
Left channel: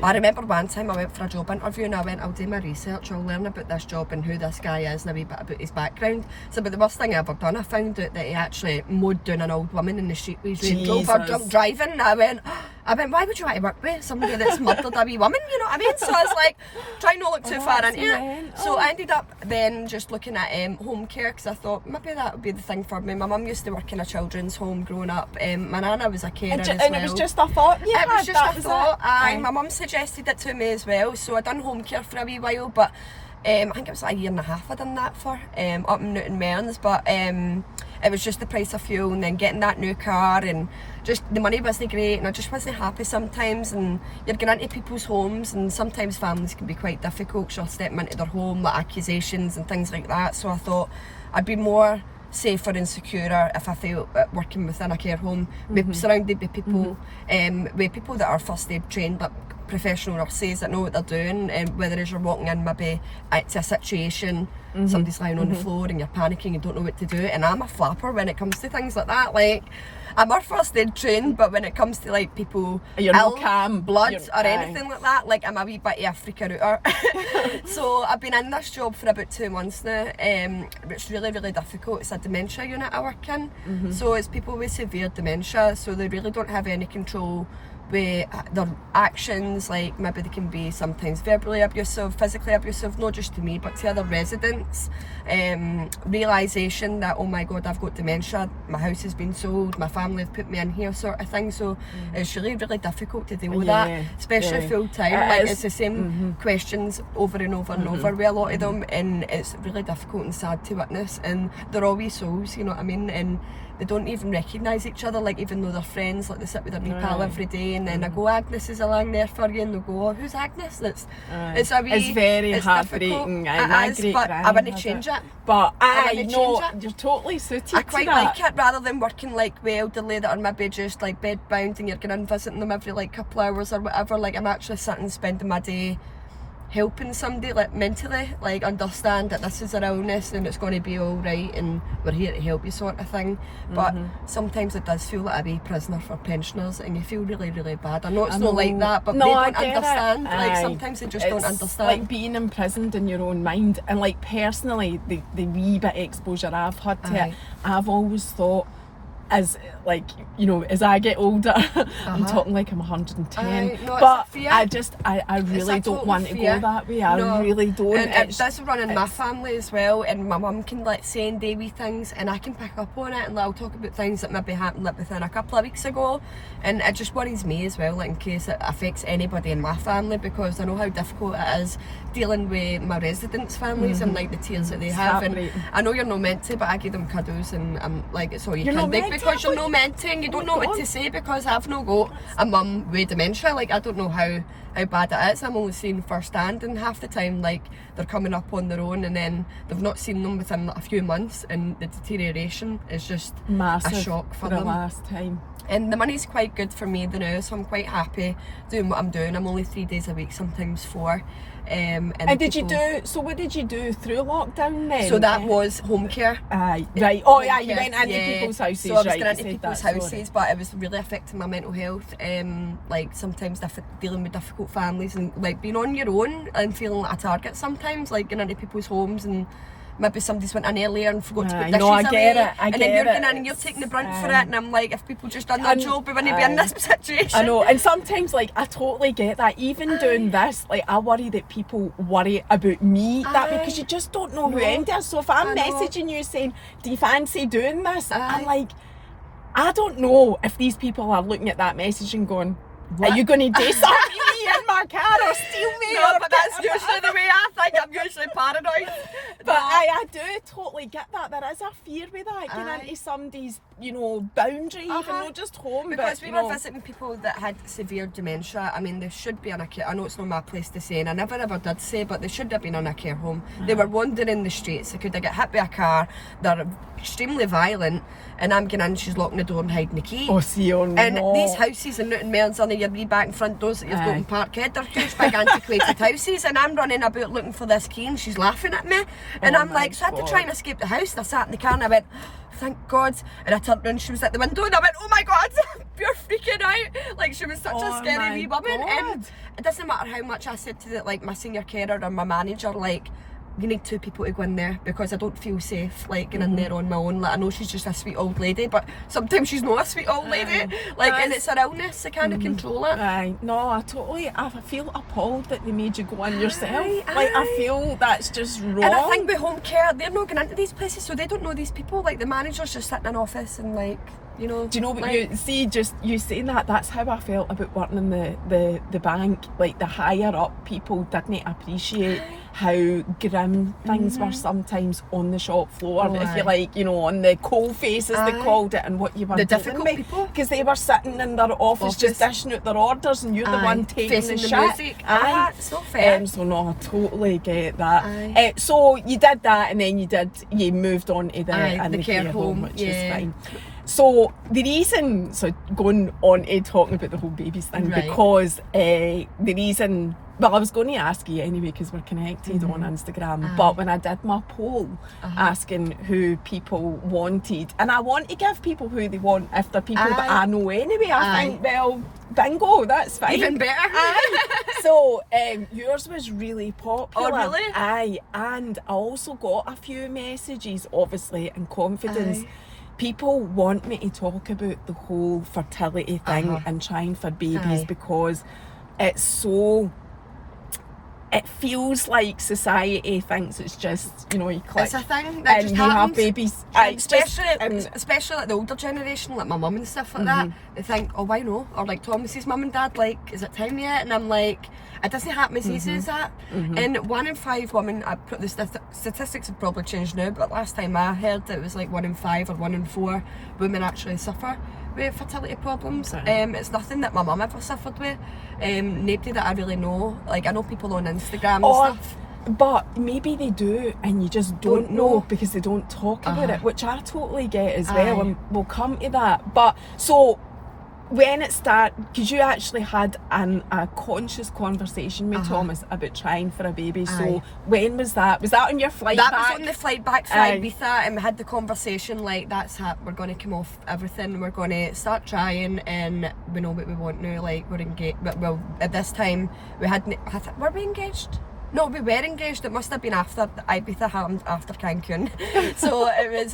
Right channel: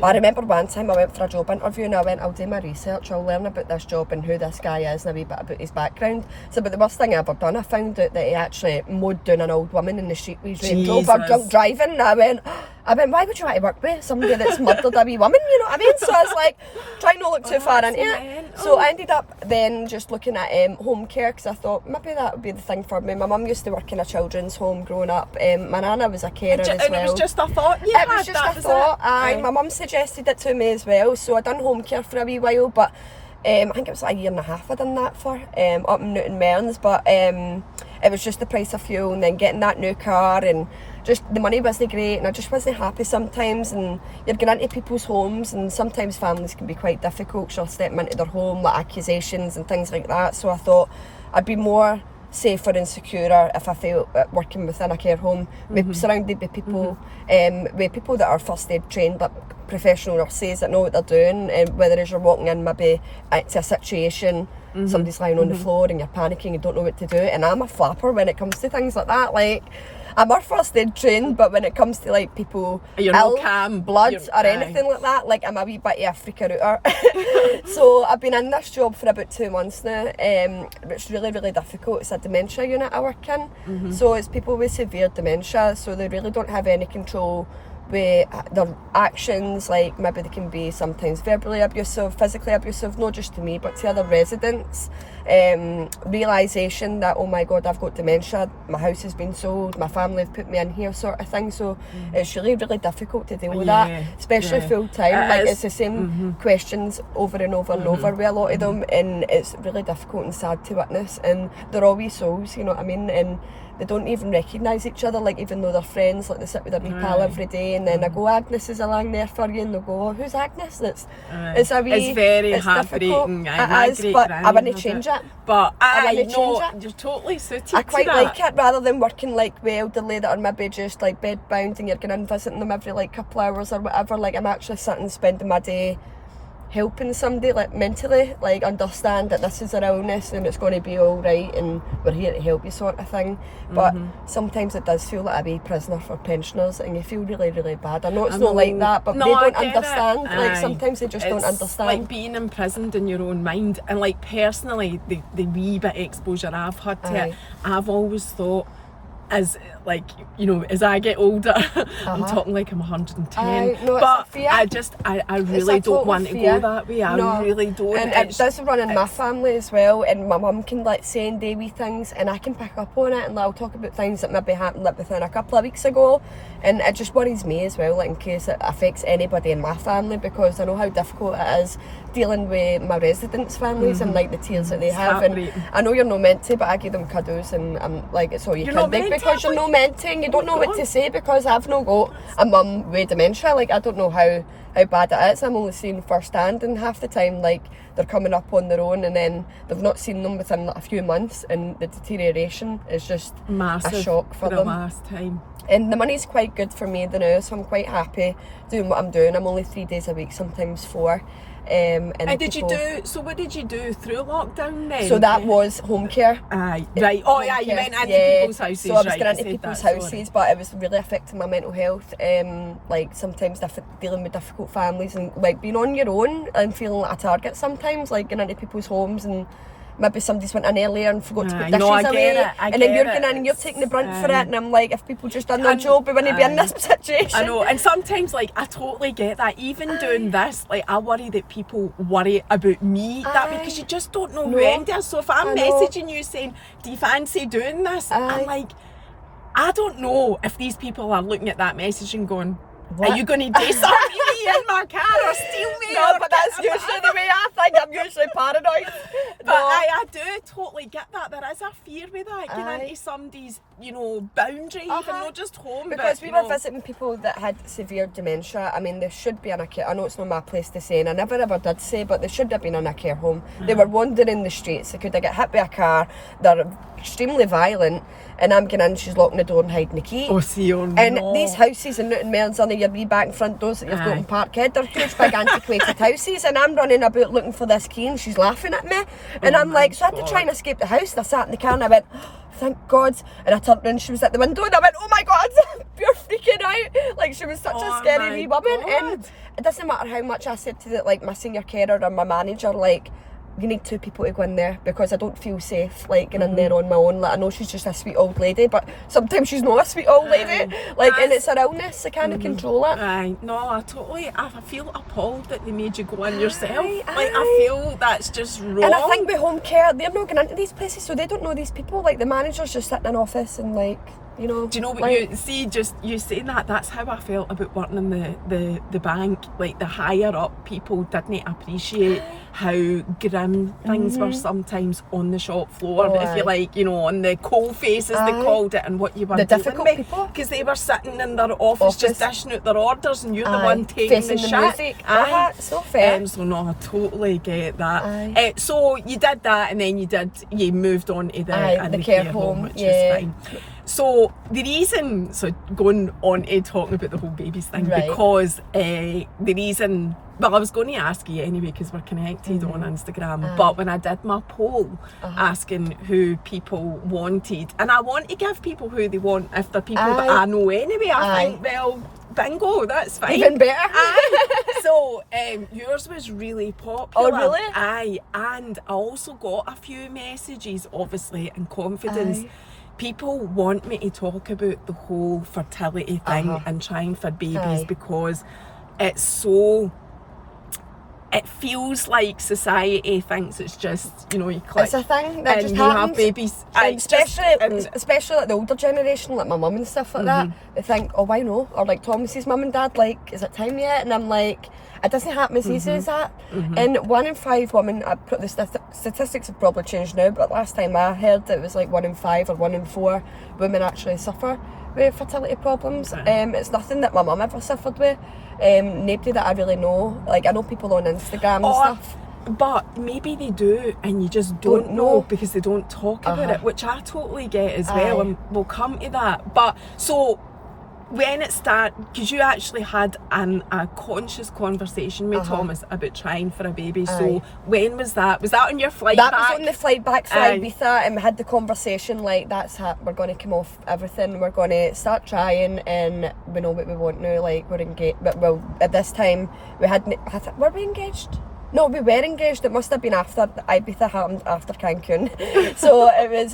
I remember one time I went for a job interview and I went, I'll do my research, I'll learn about this job and who this guy is and a wee bit about his background. So, but the worst thing I ever done, I found out that he actually mowed down an old woman in the street with his Range Rover drunk driving. And I went, why would you want to work with somebody that's murdered a wee woman, you know what I mean? So I was like, try not to look too far into it. So I ended up then just looking at home care, because I thought maybe that would be the thing for me. My mum used to work in a children's home growing up. My nana was a carer as well. And it was just a thought? Yeah, it was just a thought. My mum suggested it to me as well, so I done home care for a wee while, but I think it was like a year and a half I done that for, up in Newton Mearns, but it was just the price of fuel and then getting that new car, and just the money wasn't great and I just wasn't happy sometimes, and you're going into people's homes and sometimes families can be quite difficult. She'll step into their home with accusations and things like that, so I thought I'd be more safer and securer if I felt working within a care home, surrounded by people, with people that are first aid trained but professional nurses that know what they're doing, and whether as you're walking in maybe to a situation, somebody's lying on the floor and you're panicking, you don't know what to do, and I'm a flapper when it comes to things like that. Like, I'm our first aid trained, but when it comes to like people you're ill, no calm, blood or anything like that, like I'm a wee bit of a freaker outer. So I've been in this job for about 2 months now. It's really, really difficult. It's a dementia unit I work in, so it's people with severe dementia, so they really don't have any control with their actions. Like maybe they can be sometimes verbally abusive, physically abusive, not just to me but to other residents. Realisation that, oh my god, I've got dementia, my house has been sold, my family have put me in here, sort of thing. So it's really, really difficult to deal with that, especially full time. Like it's the same questions over and over and over with a lot of them, and it's really difficult and sad to witness. And they're all wee souls, you know what I mean, and they don't even recognise each other, like even though they're friends, like they sit with their wee pal every day, and then I go, Agnes is along there for you, and they'll go, oh, who's Agnes? It's very heartbreaking. But I wouldn't change it. But you're totally suited I quite to that. like it, rather than working like with elderly that are maybe just like bed bound and you're going in visiting them every like couple hours or whatever. Like I'm actually sitting spending my day helping somebody like mentally, like understand that this is an illness and it's going to be all right and we're here to help you, sort of thing. But sometimes it does feel like a wee prisoner for pensioners and you feel really, really bad. I know it's not like that, but they don't understand. Like sometimes they just don't understand. Like being imprisoned in your own mind. And like personally, the wee bit of exposure I've had to it, I've always thought, as like, you know, as I get older, I'm talking like I'm 110, but I really don't want to go that way. I really don't. And it does run in my family as well, and my mum can like send wee things and I can pick up on it, and I'll talk about things that maybe happened like within a couple of weeks ago, and it just worries me as well, like in case it affects anybody in my family, because I know how difficult it is dealing with my residents' families and like the tears that they have. And I know you're not meant to, but I give them cuddles and I'm like, it's all you can do, because you're not meant to, and you don't know what to say, because I've not got a mum with dementia. Like I don't know how bad it is. I'm only seeing firsthand, and half the time like they're coming up on their own and then they've not seen them within like a few months, and the deterioration is just massive, a shock for them. The last time. And the money's quite good for me now, so I'm quite happy doing what I'm doing. I'm only 3 days a week, sometimes 4. And what did you do through lockdown then? So that was home care. Right. Oh yeah, you went into people's houses. So I was going into people's houses, but it was really affecting my mental health. Like sometimes dealing with difficult families and like being on your own and feeling like a target sometimes, like going into people's homes and maybe somebody's went in earlier and forgot to put dishes away, and then you're going in and you're taking the brunt for it, and I'm like, if people just done their job, we wouldn't be in this situation. I know, and sometimes like I totally get that. Even doing this, like I worry that people worry about me, that because you just don't know who enters. So if I'm messaging you saying, do you fancy doing this? I'm like, I don't know if these people are looking at that message and going, what? Are you going to disarm me in my car or steal me? No, but that's usually the way I think. I'm usually paranoid. But I do totally get that. There is a fear with that, getting into somebody's, you know, boundary, even not just home. Because we were visiting people that had severe dementia. I mean, they should be in a care. I know it's not my place to say, and I never ever did say, but they should have been in a care home. They were wandering the streets. They could have got hit by a car. They're extremely violent. And I'm going in, she's locking the door and hiding the key. Oh, see, And these houses in Newton Mearns, on your wee back and front doors that you've got in park dark kid, they're huge big antiquated houses, and I'm running about looking for this key and she's laughing at me, and I'm like, so I had to try and escape the house, and I sat in the car and I went, thank God, and I turned around, she was at the window, and I went, oh my God, you're freaking out, like she was such a scary wee woman. And it doesn't matter how much I said to like my senior carer or my manager, like, you need 2 people to go in there because I don't feel safe like going in there on my own. Like, I know she's just a sweet old lady, but sometimes she's not a sweet old lady. Like, and it's an illness, I can't control it. No, I feel appalled that they made you go in yourself. Like, I feel that's just wrong. And I think with home care, they're not going into these places, so they don't know these people. Like, the manager's just sitting in an office and like, you know. Do you know what, like, you see, just you saying that's how I felt about working in the bank. Like, the higher up people didn't appreciate how grim things were sometimes on the shop floor, if you like, you know, on the coal face as they called it, and what you were the dealing difficult with, people, because they were sitting in their office just dishing out their orders, and you're the one taking the shit. So fair. So no, I totally get that. So you did that, and then you moved on to the care home, which is fine. So the reason, going on to talking about the whole babies thing, because the reason, well, I was going to ask you anyway because we're connected on Instagram, but when I did my poll asking who people wanted, and I want to give people who they want if they're people that I know anyway, I think, well, bingo, that's fine. Even better. So yours was really popular. Oh, really? And I also got a few messages, obviously, in confidence. People want me to talk about the whole fertility thing and trying for babies because it's so, it feels like society thinks it's just, you know, you click it's a thing that and just you happens. have babies. Especially like the older generation, like my mum and stuff like that, they think, oh, why no? Or like Thomas's mum and dad, like, is it time yet? And I'm like, it doesn't happen as easy as that. And 1 in 5 women, the statistics have probably changed now, but last time I heard it was like 1 in 5 or 1 in 4 women actually suffer with fertility problems. It's nothing that my mum ever suffered with. Nobody that I really know. Like, I know people on Instagram and stuff. But maybe they do, and you just don't know because they don't talk about it, which I totally get as well, and we'll come to that. But so when it started, because you actually had a conscious conversation with Thomas about trying for a baby, so when was that? Was that on your flight back? That was on the flight back from Ibiza, and we had the conversation like, we're going to come off everything, we're going to start trying, and we know what we want now, like, we're engaged. Well, at this time, were we engaged? No, we were engaged. It must have been after Ibiza happened, after Cancun. So it was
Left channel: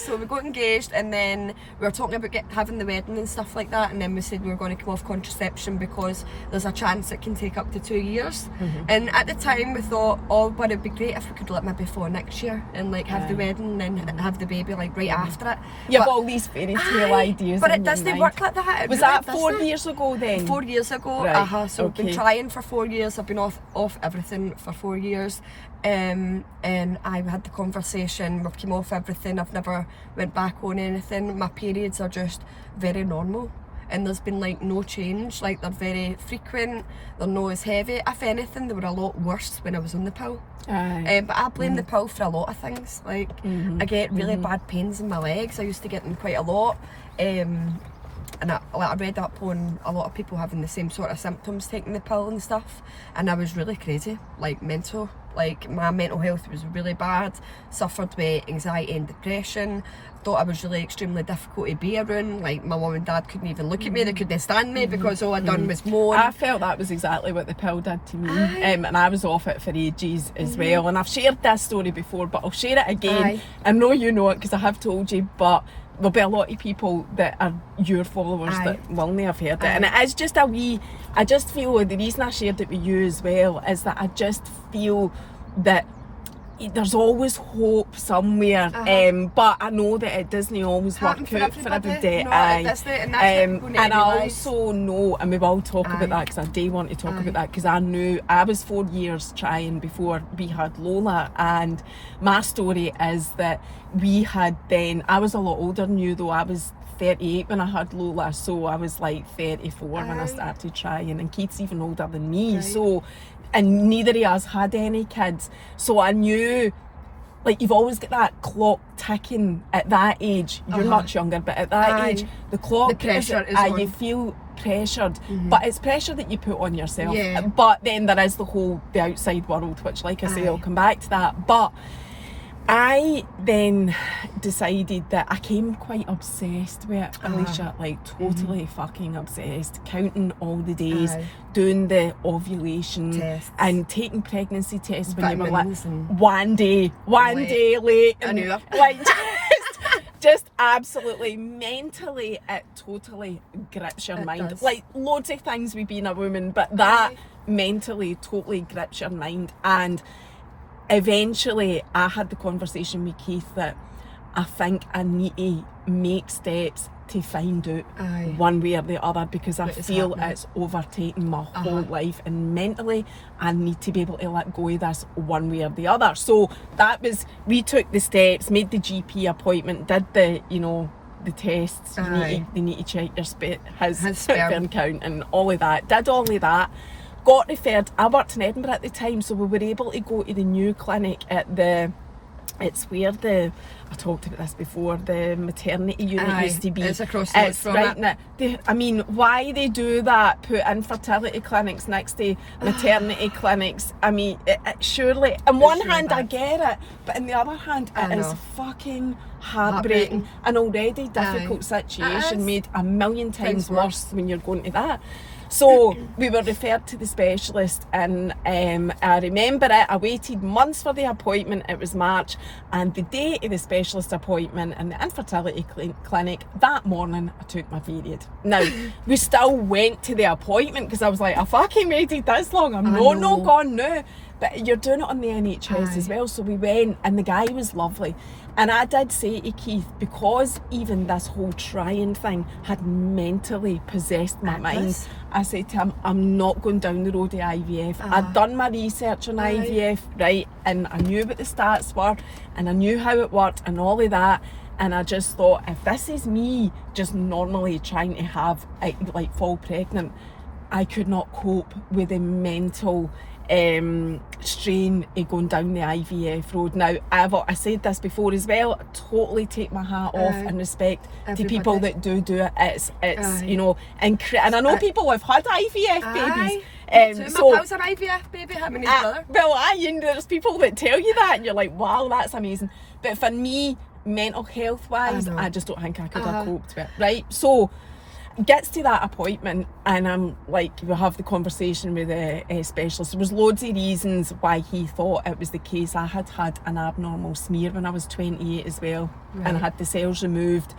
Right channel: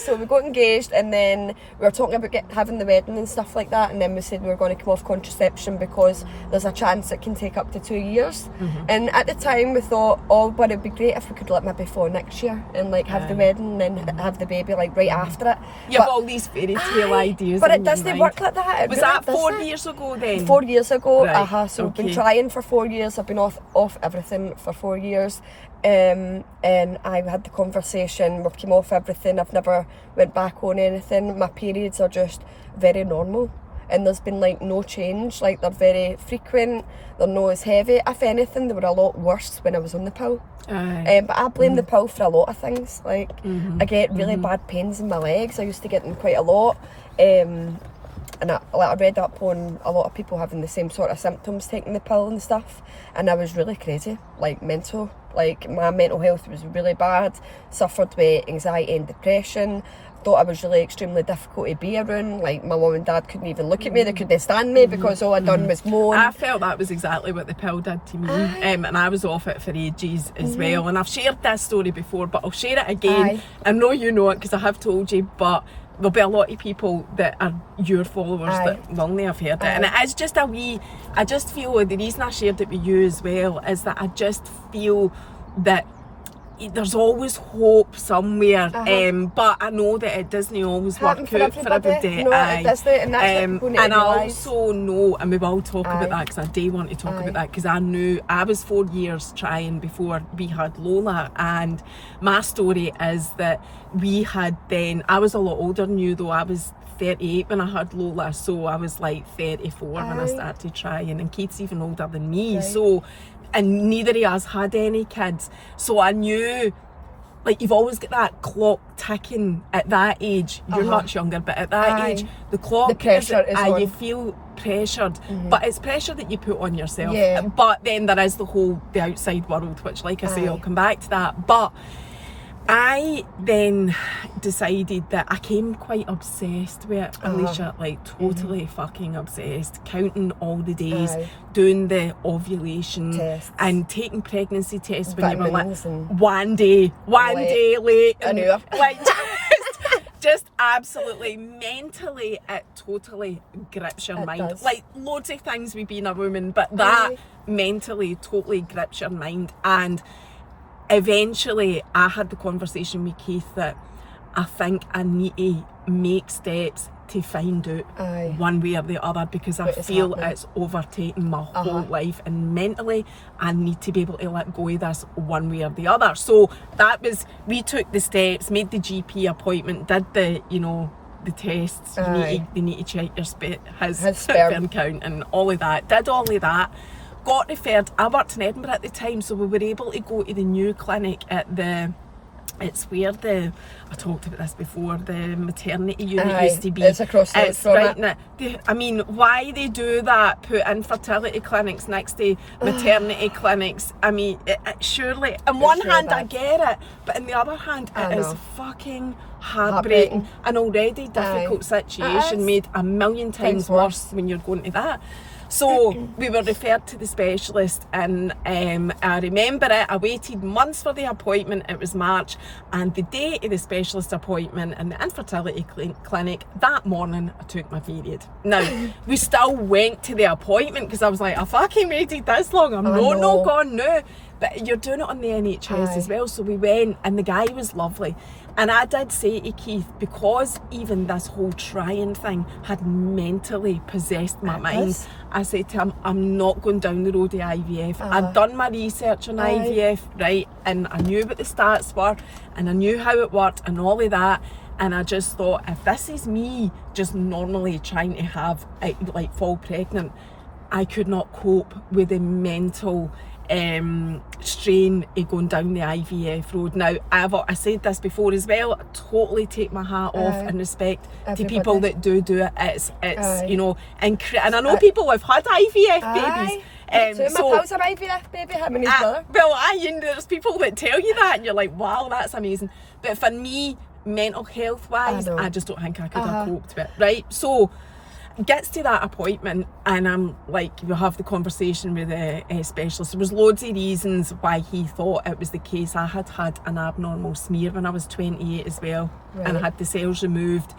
so we got engaged, and then we were talking about having the wedding and stuff like that, and then we said we were going to come off contraception because there's a chance it can take up to 2 years. And at the time we thought, oh, but it'd be great if we could let maybe for next year and like have the wedding and then have the baby like right after it. You have all these fairy tale ideas, but it doesn't work like that. Was that 4 years ago then? 4 years ago. So okay. I've been trying for 4 years. I've been off everything for 4 years, and I had the conversation. We came off everything. I've never went back on anything. My periods are just very normal, and there's been like no change. Like, they're very frequent, they're not as heavy. If anything, they were a lot worse when I was on the pill. But I blame the pill for a lot of things. Like, I get really bad pains in my legs. I used to get them quite a lot. And I read up on a lot of people having the same sort of symptoms taking the pill and stuff, and I was really crazy, like mental. Like, my mental health was really bad, suffered with anxiety and depression, thought I was really extremely difficult to be around. Like, my mum and dad couldn't even look at me, they couldn't stand me because all I'd done was moan. I felt that was exactly what the pill did to me, and I was off it for ages as well, and I've shared this story before, but I'll share it again. I know you know it because I have told you, but there'll be a lot of people that are your followers that will not have heard it, and it is just I just feel the reason I shared it with you as well is that I just feel that there's always hope somewhere, but I know that it doesn't always work out for everybody. No, it doesn't, and I also know, and we will talk about that because I do want to talk about that, because I knew I was 4 years trying before we had Lola, and my story is that we had then, I was a lot older than you though, I was 38 when I had Lola, so I was like 34 when I started trying, and Kate's even older than me, so, and neither of us had any kids, so I knew like you've always got that clock ticking at that age. You're much younger, but at that age, the clock, the pressure is on. you feel pressured, but it's pressure that you put on yourself. Yeah. But then there is the outside world, which, like I say, I'll come back to that. But I then decided that I came quite obsessed with it, Alicia, like totally fucking obsessed, counting all the days, doing the ovulation tests, and taking pregnancy tests when you were like and one day late, I knew it. like just absolutely mentally, it totally grips your mind. Does. Like loads of things with being a woman, but that mentally totally grips your mind. And eventually I had the conversation with Keith that I think I need to make steps to find out one way or the other, because I feel it's overtaking my whole life, and mentally I need to be able to let go of this one way or the other. So that was, we took the steps, made the GP appointment, did the, you know, the tests. They need to check your his sperm count and all of that. Did all of that. Got referred. I worked in Edinburgh at the time, so we were able to go to the new clinic at the, it's where the, I talked about this before, the maternity unit used to be. It's across the It's right now. I mean, why they do that, put infertility clinics next to maternity clinics, I mean, surely, on one hand I get it, but on the other hand it is fucking heartbreaking. An already difficult situation made a million times worse when you're going to that. So we were referred to the specialist, and I remember it. I waited months for the appointment. It was March, and the day of the specialist appointment in the infertility clinic, that morning I took my period. Now, we still went to the appointment because I was like, I fucking waited this long. I'm not gone now. But you're doing it on the NHS as well. So we went, and the guy was lovely. And I did say to Keith, because even this whole trying thing had mentally possessed my mind, I said to him, I'm not going down the road of IVF. I'd done my research on IVF, right? And I knew what the stats were, and I knew how it worked and all of that. And I just thought, if this is me just normally trying to have, like, fall pregnant, I could not cope with the mental strain of going down the IVF road. Now, I said this before as well, I totally take my hat off and respect to people that do it. It's you know, and I know people have had IVF babies. So my pals are IVF baby, how many brother? Well, there's people that tell you that and you're like, wow, that's amazing. But for me, mental health wise, I just don't think I could have coped with it, right? So gets to that appointment, and I'm like, we'll have the conversation with the specialist. There was loads of reasons why he thought it was the case. I had an abnormal smear when I was 28 as well, and I had the cells removed.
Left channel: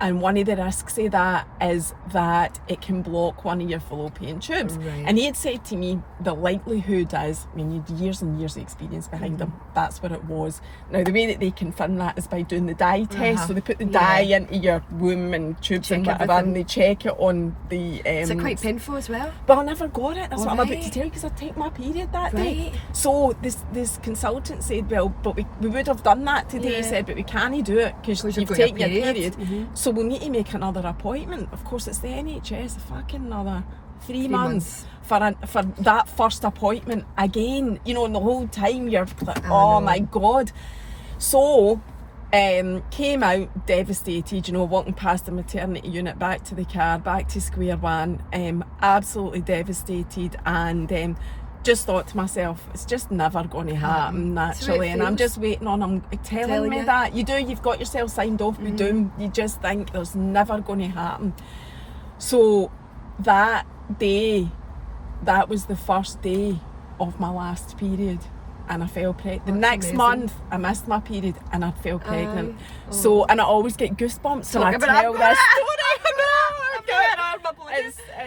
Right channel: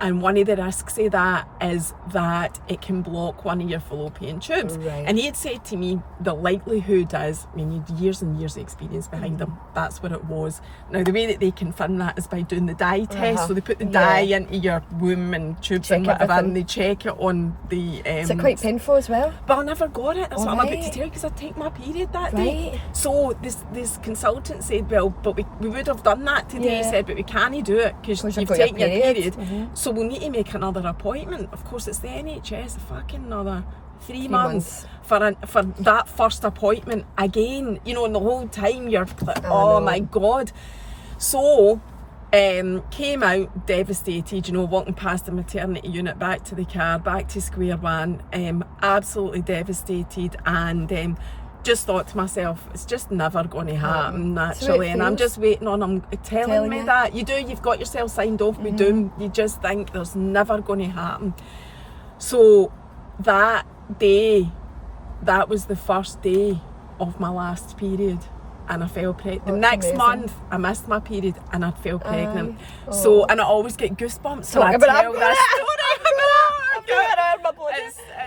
And one of the risks of that is that it can block one of your fallopian tubes. And he had said to me, the likelihood is, I mean, you had years and years of experience behind them, that's what it was. Now, the way that they confirm that is by doing the dye test. So they put the dye into your womb and tubes and whatever, and they check it on the... Is it quite painful as well? But I never got it. That's what I'm about to tell you, because I take my period that day. So this consultant said, well, but we would have done that today. He said, but we can't do it because you've taken your period. So we'll need to make another appointment. Of course, it's the NHS, fucking another 3 months for that first appointment again. You know, and the whole time you're like, oh my God. So came out devastated, you know, walking past the maternity unit, back to the car, back to square one, absolutely devastated, and just thought to myself, it's just never going to happen naturally, and I'm just waiting on him telling me that. You've got yourself signed off with doom. You just think there's never going to happen. So that day, that was the first day of my last period, and I fell pregnant. The next month I missed my period and I fell pregnant. So, and I always get goosebumps when I tell this story.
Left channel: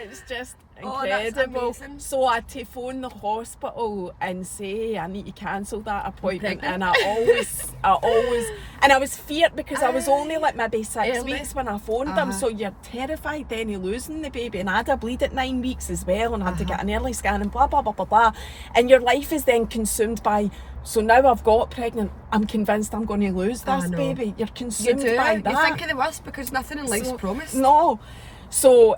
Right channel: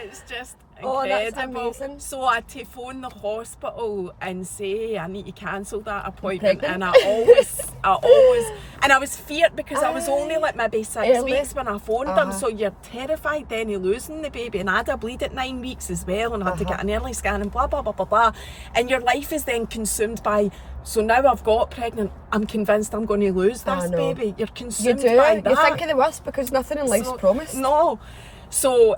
It's just incredible. So I had to phone the hospital and say I need to cancel that appointment, and I always and I was feared because I was only like maybe 6 weeks when I phoned them, so you're terrified then of losing the baby, and I had a bleed at 9 weeks as well, and I had to get an early scan and blah blah blah blah blah, and your life is then consumed by, so now I've got pregnant, I'm convinced I'm going to lose this baby. You're consumed by that. You think of the worst because nothing in life's promised. No. So,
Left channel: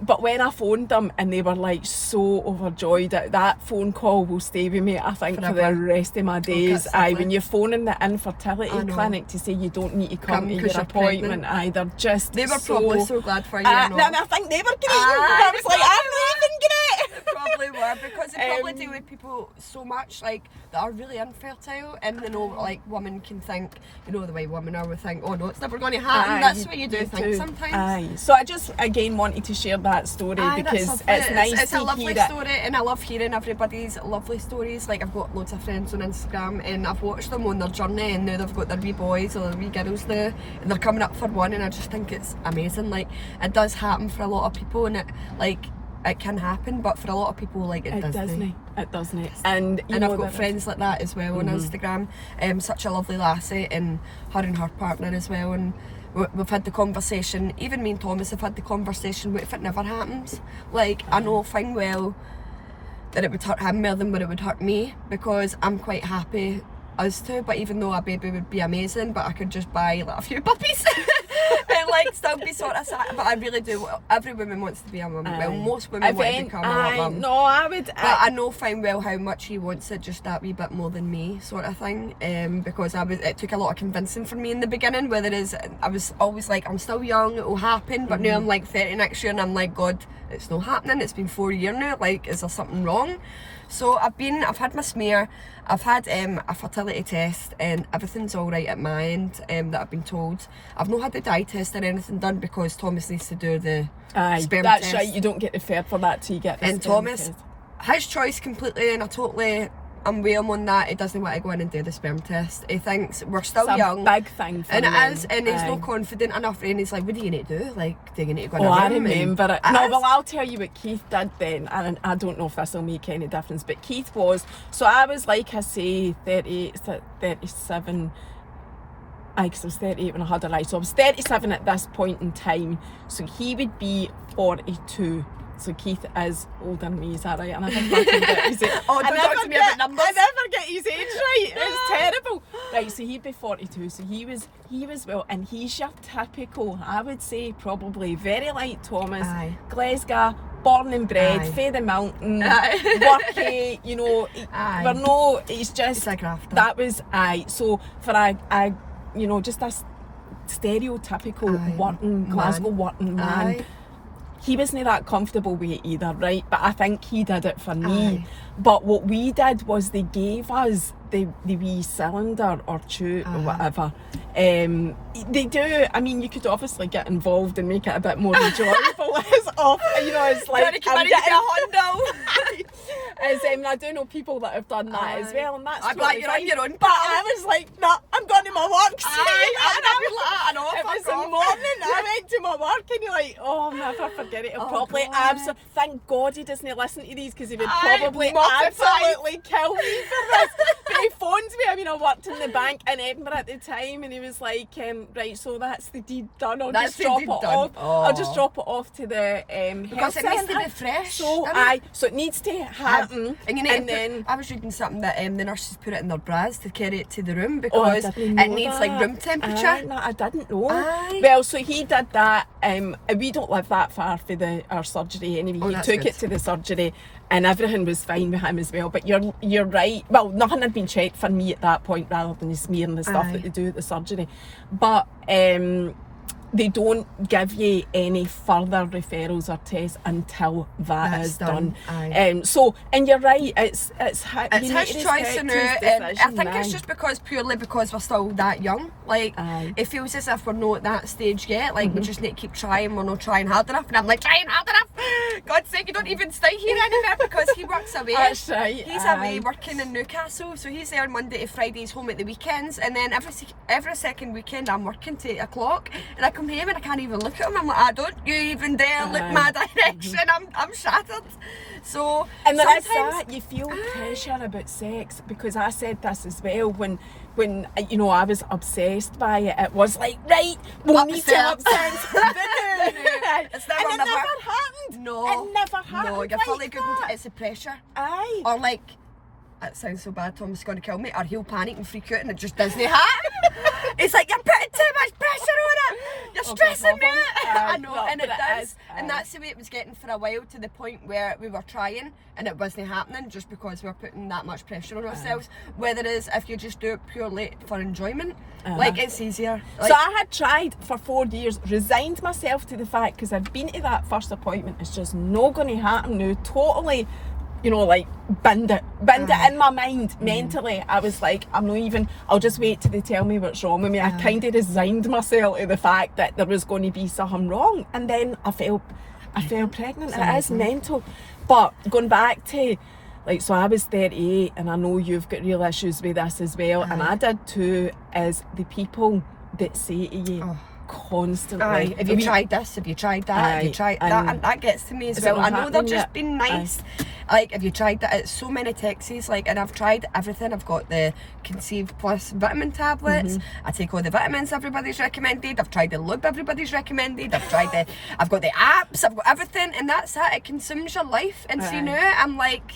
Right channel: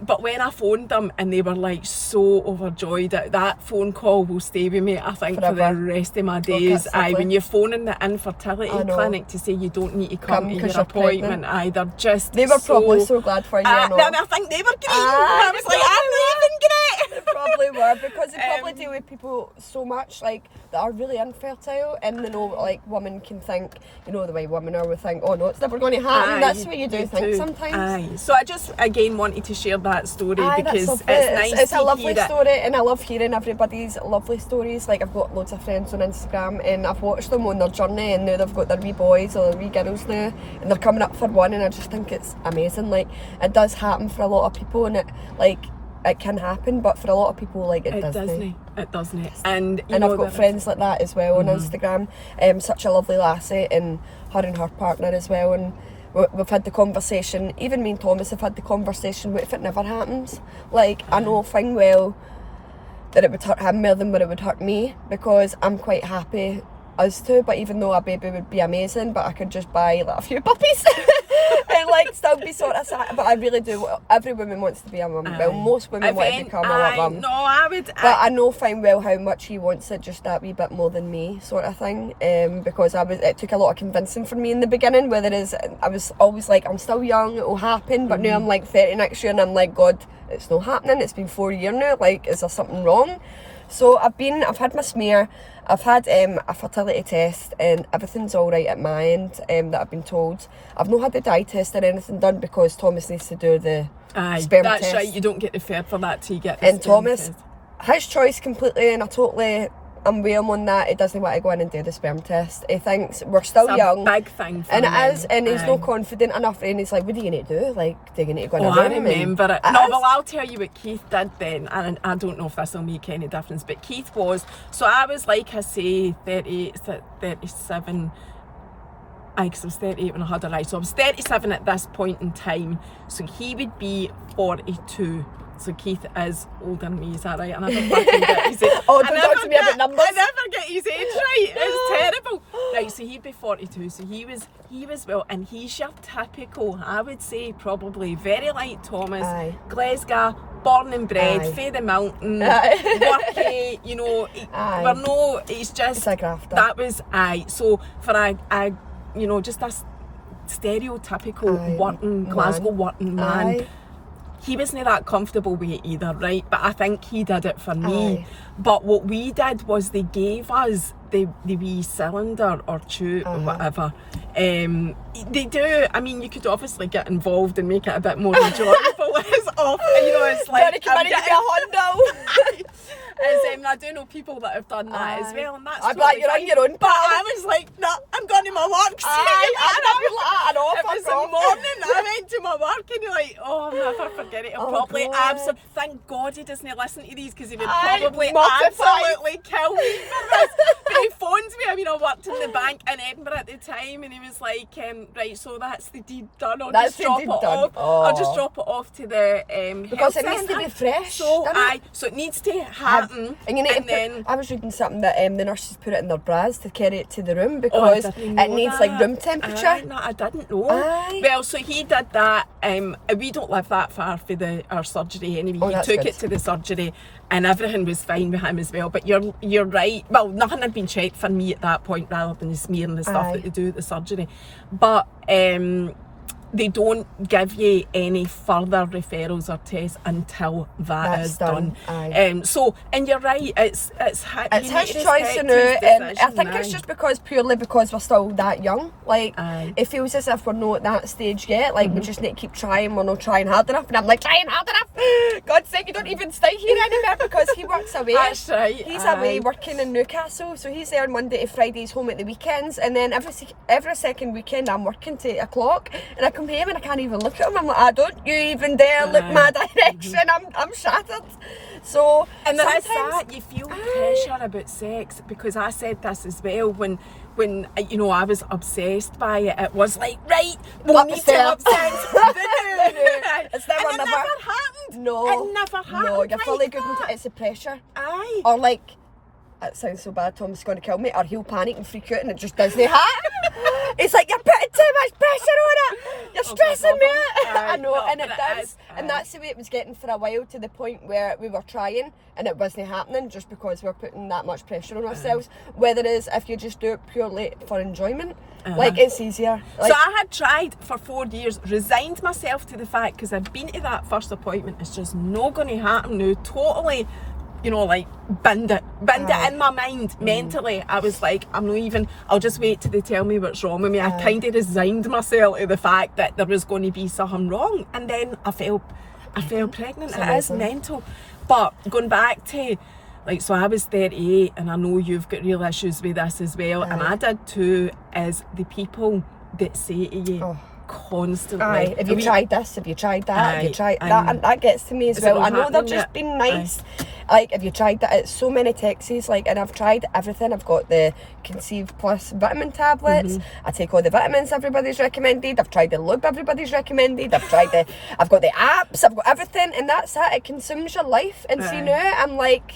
but when I phoned them, them, and they were like so overjoyed. That phone call will stay with me, I think, for the rest of my days. When you're phoning the infertility clinic to say you don't need to come to your appointment, they're just they were probably so glad for you. I think they were great. I was like, I'm leaving, great. They probably were, because they probably deal with people so much like that are really infertile, and they know like women can think, you know, the way women are, we think, oh no, it's never going to happen. That's the way you do things sometimes. So I just again wanted to share that story because it's nice. It's a lovely story, and I love hearing everybody's lovely stories. Like, I've got loads of friends on Instagram, and I've watched them on their journey, and now they've got their wee boys or their wee girls now, and they're coming up for one, and I just think it's amazing. Like, it does happen for a lot of people, and it can happen, but for a lot of people, like, it doesn't. It doesn't. And I've got friends like that as well on Instagram. Such a lovely lassie, and her partner as well. And we've had the conversation. Even me and Thomas have had the conversation. What if it never happens? Like, I know fine well that it would hurt him more than what it would hurt me, because I'm quite happy us two. But even though a baby would be amazing, but I could just buy like a few puppies and like still be sort of sad. But I really do. Every woman wants to be a mum. Well, most women want to become a mum. No, I would. But I know fine well how much he wants it, just that wee bit more than me, sort of thing. Because it took a lot of convincing for me in the beginning. Whether I was always like, I'm still young, it will happen. But now I'm like 30 next year, and I'm like, God, it's not happening. It's been 4 years now. Like, is there something wrong? So I've had my smear. I've had a fertility test, and everything's all right at my end, that I've been told. I've not had the dye test or anything done, because Thomas needs to do the sperm test. That's right, you don't get referred for that till you get the sperm Thomas, test. His choice completely, and I'm with him on that. He doesn't want to go in and do the sperm test. He thinks we're still young. It's a big thing for and men. It is, and he's not confident enough, and he's like, what are you going to do? Like, do you need to go in a room? I remember it. No, well, I'll tell you what Keith did then, and I don't know if this will make any difference, but Keith was, so I was like, I say, 37, because I was 38 when I had her eye, so I was 37 at this point in time, so he would be 42. So Keith is older than me, is that right? I never fucking get his age. I never get his age right. It's terrible. Right, so he'd be 42. So he was well, and he's your typical, I would say, probably very like Thomas, Glasgow, born and bred, fae the mountain, worky, you know. He's just a grafter. That was so for a you know, just a stereotypical working Glasgow working man. He wasn't that comfortable with it either, right? But I think he did it for me. But what we did was they gave us the wee cylinder or tube or whatever. They do, I mean, you could obviously get involved and make it a bit more enjoyable. It's off, you know, it's like, I'm getting a Hondo. I do know people that have done that as well, and that's totally you're on your own. But I was like, no, I'm going to my work. It was the morning, I went to my work, and you're like, oh, I'll never forget it. He'll probably absolutely, thank God he doesn't listen to these, because he would probably absolutely kill me for this. But he phones me. I mean, I worked in the bank in Edinburgh at the time, and he was like, right, so that's the deed done. I'll just drop it off. I'll just drop it off to the because health it needs to be fresh. So it needs to happen. And then I was reading something that the nurses put it in their bras to carry it to the room, because it needs like room temperature. No, I didn't know. Well, so he did that. We don't live that far for our surgery anyway. He took it to the surgery, and everything was fine with him as well. But you're right. Well, nothing had been checked for me at that point, rather than the smear and the stuff that they do at the surgery. But they don't give you any further referrals or tests until that is done. So, and you're right, it's his choice now, and I think it's just purely because we're still that young. Like, it feels as if we're not at that stage yet. Like, we just need to keep trying. We're not trying hard enough, and I'm like, trying hard enough. God's sake, you don't even stay here anymore, because he works away. That's right. He's away working in Newcastle, so he's there Monday to Fridays, home at the weekends, and then every second weekend I'm working to 8 o'clock, and I come home and I can't even look at him. I'm like, don't you even dare look my direction. I'm shattered. So, and there is that, you feel pressure about sex, because I said this as well when you know, I was obsessed by it. It was like, right, we'll need to have sex. It's never happened. No, it never happened. No, you're fully good into it. It's the pressure. Or like, it sounds so bad, Tom's going to kill me, or he'll panic and freak out, and it just doesn't happen. It's like, you're putting too much pressure on it. You're stressing me out. I know, no, and it but it does. is, And that's the way it was getting for a while, to the point where we were trying and it wasn't happening, just because we were putting that much pressure on ourselves. Whether it is if you just do it purely for enjoyment, like, it's easier. Like, so I had tried for 4 years, resigned myself to the fact, because I'd been to that first appointment, it's just not going to happen now. Totally, you know, like, binned it in my mind. Mentally, I was like, I'm not even, I'll just wait till they tell me what's wrong with me. I kind of resigned myself to the fact that there was going to be something wrong, and then I fell pregnant. It is mental. But going back to, like, so I was 38, and I know you've got real issues with this as well, and I did too, is the people that say to you constantly, have you tried this? Have you tried that? Have you tried that? And that gets to me as well. I know they're just being nice. Like, have you tried that? It's so many texts, like, and I've tried everything. I've got the Conceive Plus vitamin tablets. I take all the vitamins everybody's recommended. I've tried the lube everybody's recommended. I've got the apps. I've got everything, and that's it. It consumes your life. And so now I'm like,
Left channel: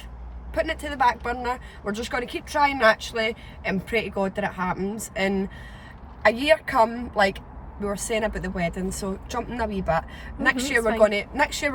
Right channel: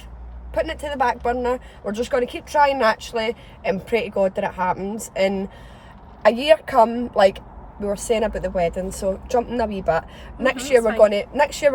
putting it to the back burner. We're just going to keep trying naturally and pray to God that it happens. And a year come, like, we were saying about the wedding, so jumping a wee bit. Next year we're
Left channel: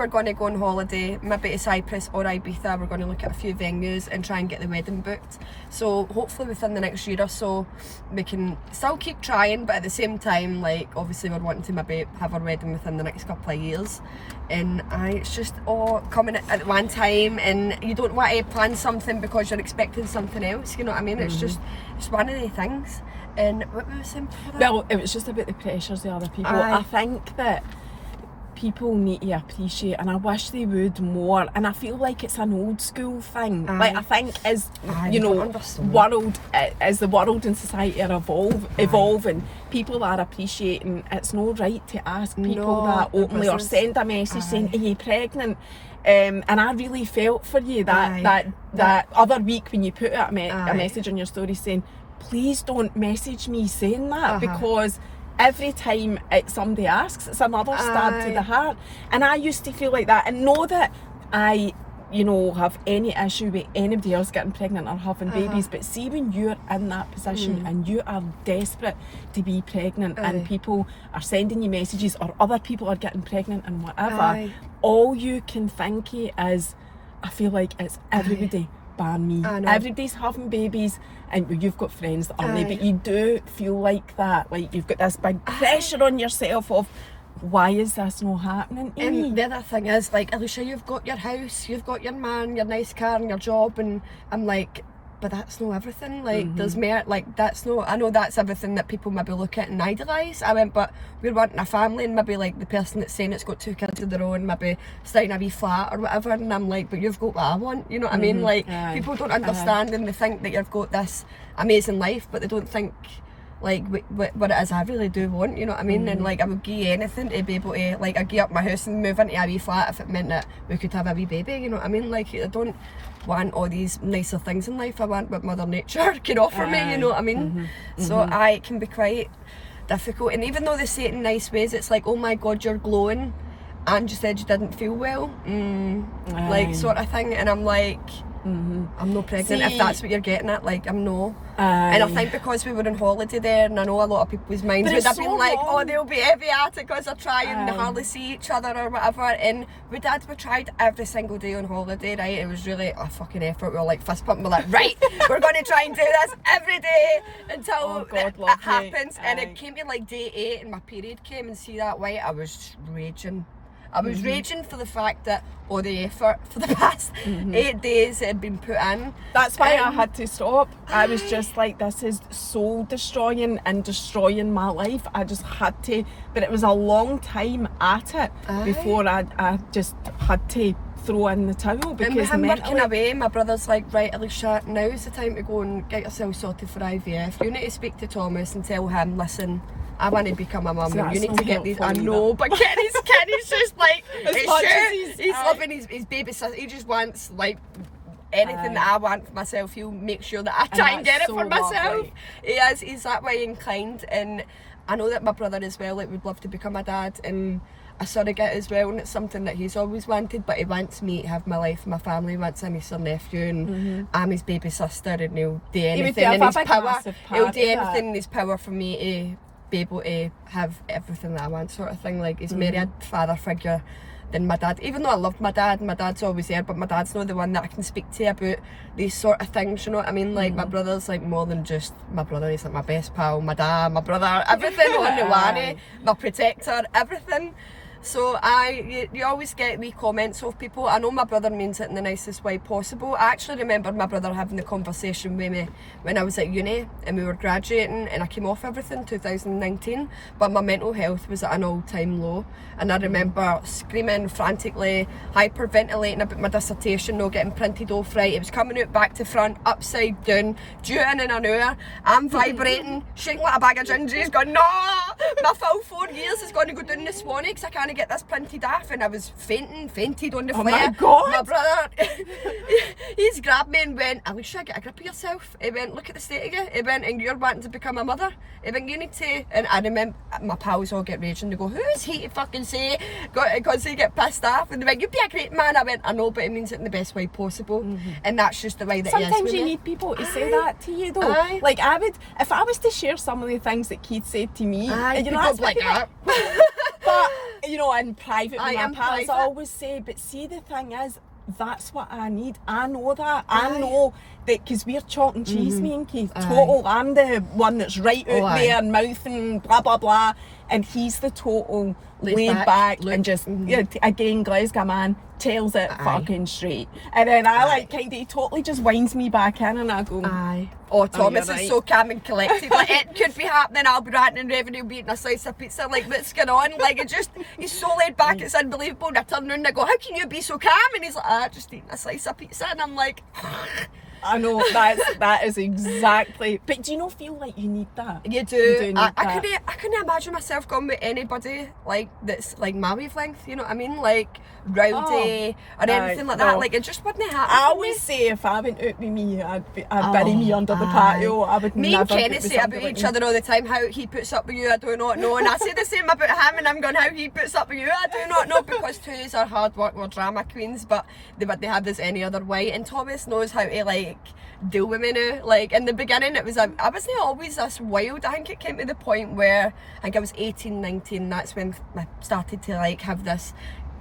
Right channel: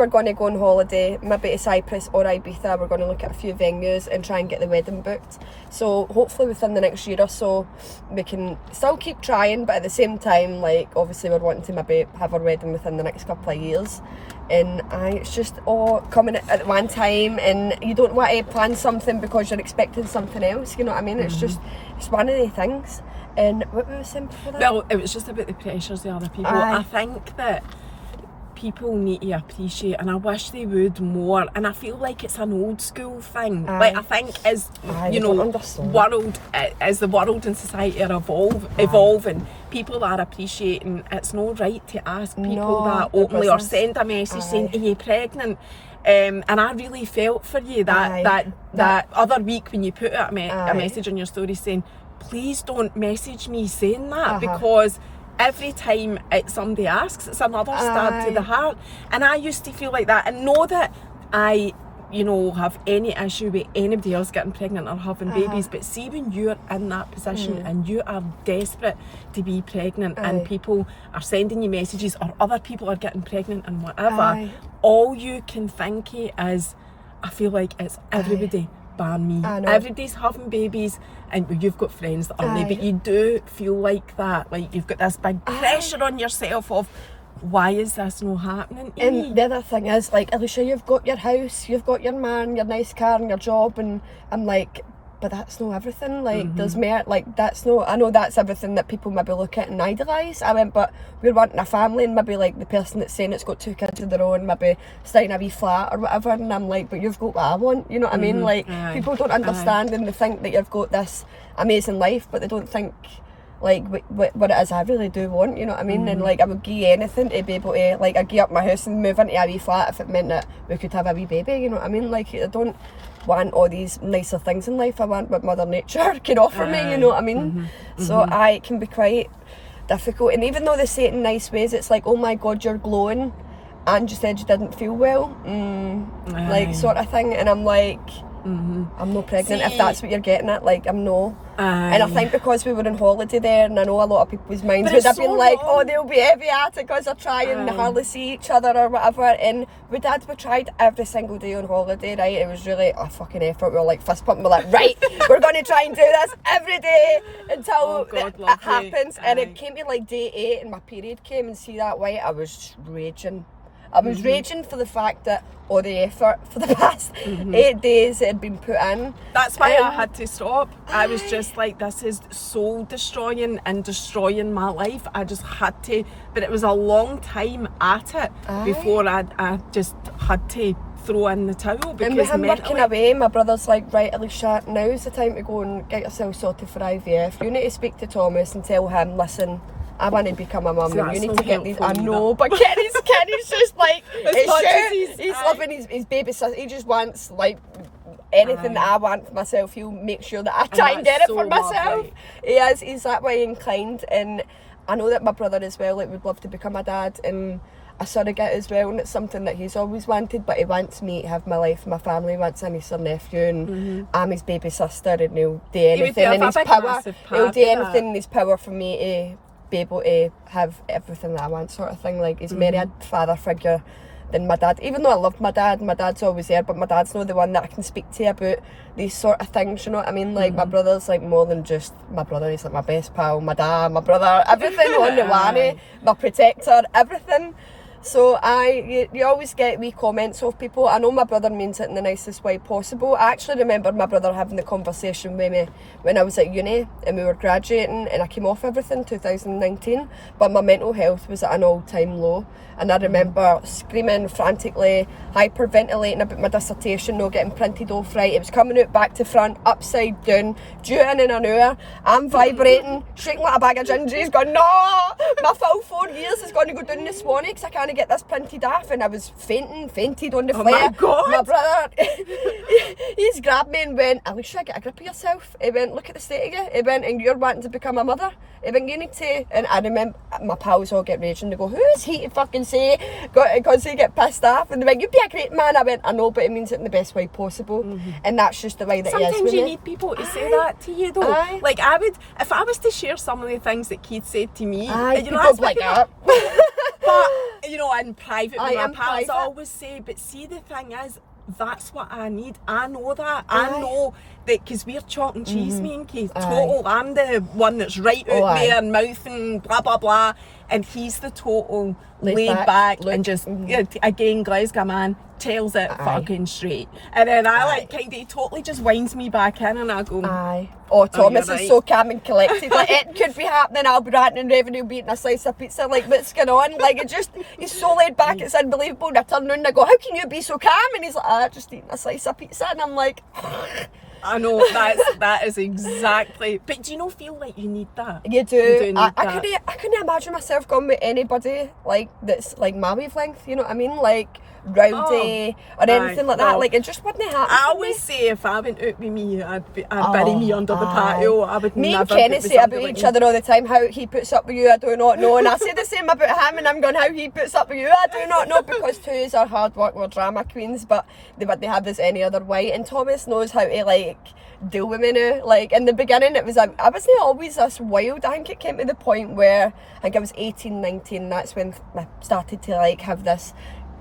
going to go on holiday, maybe to Cyprus or Ibiza. We're going to look at a few venues and try and get the wedding booked. So hopefully within the next year or so we can still keep trying, but at the same time, like, obviously we're wanting to maybe have our wedding within the next couple of years. And it's just all coming at one time, and you don't want to plan something because you're expecting something else, you know what I mean? It's just, it's one of the things. And what were we saying before that? Well, it was just about the pressures of other people. I think that people need to appreciate, and I wish they would more, and I feel like it's an old school thing. Like, I think as you know, as the world and society are evolving, people are appreciating it's not right to ask people that openly or send a message saying, are you pregnant? And I really felt for you that other week when you put out a message on your story saying, please don't message me saying that, because every time somebody asks, it's another stab to the heart. And I used to feel like that, and know that I, you know, have any issue with anybody else getting pregnant or having babies, but see when you're in that position and you are desperate to be pregnant and people are sending you messages or other people are getting pregnant and whatever, all you can think is, I feel like it's everybody bar me. Everybody's having babies, and you've got friends that aren't, but you do feel like that, like you've got this big pressure on yourself of, why is this not happening to me? And the other thing is, like, Alicia, you've got your house, you've got your man, your nice car and your job, and I'm like, but that's not everything. Like, there's more. Like, that's not, I know that's everything that people maybe look at and idolise. I went, but we're wanting a family, and maybe like the person that's saying it's got 2 kids of their own, maybe starting a wee flat or whatever, and I'm like, but you've got what I want, you know what I mean? Like, people don't understand, and they think that you've got this amazing life, but they don't think like what it is I really do want, you know what I mean? And like, I would give anything to be able to, like, I'd give up my house and move into a wee flat if it meant that we could have a wee baby, you know what I mean? Like, I don't want all these nicer things in life. I want what Mother Nature can offer me, you know what I mean? So it can be quite difficult, and even though they say it in nice ways, it's like, oh my God, you're glowing and you said you didn't feel well, like, sort of thing. And I'm like, I'm not pregnant. See, if that's what you're getting at, like, I'm no. And I think because we were on holiday there, and I know a lot of people's minds would have been like, oh, they'll be heavy at it because they're trying and hardly see each other or whatever. And we tried every single day on holiday, right? It was really a fucking effort. We were like fist pumping, we're like, right, we're going to try and do this every day until it happens. And it came to like day 8 and my period came, and see that white, I was raging. I was raging for the fact that all the effort for the past 8 days had been put in. That's why I had to stop. I was just like, this is soul destroying and destroying my life. I just had to, but it was a long time at it before I just had to throw in the towel, because and with him working away, my brother's like, right, Alicia, now's the time to go and get yourself sorted for IVF. You need to speak to Thomas and tell him, listen, I want to become a mum, so and you need to get these. I know, but Kenny's just like, he's loving his baby sister. He just wants like anything that I want for myself. He'll make sure that I try and get it for myself. He's that way inclined, and I know that my brother as well, like, would love to become a dad, and a surrogate as well, and it's something that he's always wanted, but he wants me to have my life, my family, wants a niece or nephew, and I'm his baby sister, and he'll do anything in his power. He'll do anything in his power for me to be able to have everything that I want, sort of thing. Like, he's married a father figure than my dad. Even though I loved my dad's always there, but my dad's not the one that I can speak to about these sort of things, you know what I mean? Like, my brother's like more than just my brother. He's like my best pal, my dad, my brother, everything on the one, my protector, everything. So you always get wee comments of people. I know my brother means it in the nicest way possible. I actually remember my brother having the conversation with me when I was at uni and we were graduating, and I came off everything 2019, but my mental health was at an all-time low. And I remember screaming frantically, hyperventilating about my dissertation not getting printed off right. It was coming out back to front, upside down, due in an hour. I'm vibrating, shaking like a bag of gingies, going, no! My full 4 years is going to go down this morning because I can't get this printed off. And I was fainted on the floor. Oh my God! My brother, he's grabbed me and went, Alicia, get a grip of yourself. He went, look at the state of you. He went, and you're wanting to become a mother. He went, you need to. And I remember my pals all get raging. They go, who is he to fucking say? Because they get pissed off. And they went, you'd be a great man. I went, I know, but it means it in the best way possible. And that's just the way that sometimes he is. Sometimes you need people to say that to you, though. Aye. Like, I would, if I was to share some of the things that Keith said to me, Aye, you know, people that's like fucking that. But, you know, in private with Aye, my in pals, I private. always say, but see, the thing is, that's what I need. I know that. I know that, because we're chalk and cheese, me and Keith. Total, I'm the one that's right out there and mouthing blah, blah, blah. And he's the total laid back and just, you know, again, Glasgow man, tells it fucking straight. And then I like kind of, he totally just winds me back in and I go, Oh, Thomas you're is right. so calm and collected. Like, it could be happening, I'll be ranting and raving, he'll be eating a slice of pizza. Like, what's going on? Like, it just, he's so laid back, it's unbelievable. And I turn around and I go, how can you be so calm? And he's like, just eating a slice of pizza. And I'm like, I know, that is exactly. But do you not feel like you need that? you do. You do need I that. couldn't imagine myself going with anybody like that's like my wavelength, you know what I mean? Like rowdy or anything like that. no. Like, it just wouldn't happen. I always say if I went out with me, I'd bury me under the patio. I would Me never and Kenny get with say somebody about like each me. other all the time, how he puts up with you, I do not know. And I say the same about him, and I'm going, how he puts up with you, I do not know, because two is our hard work, we're drama queens, but they wouldn't have this any other way. And Thomas knows how to like deal with me now. Like, in the beginning, it was I wasn't always this wild. I think it came to the point where I think I was 18, 19. That's when I started to like have this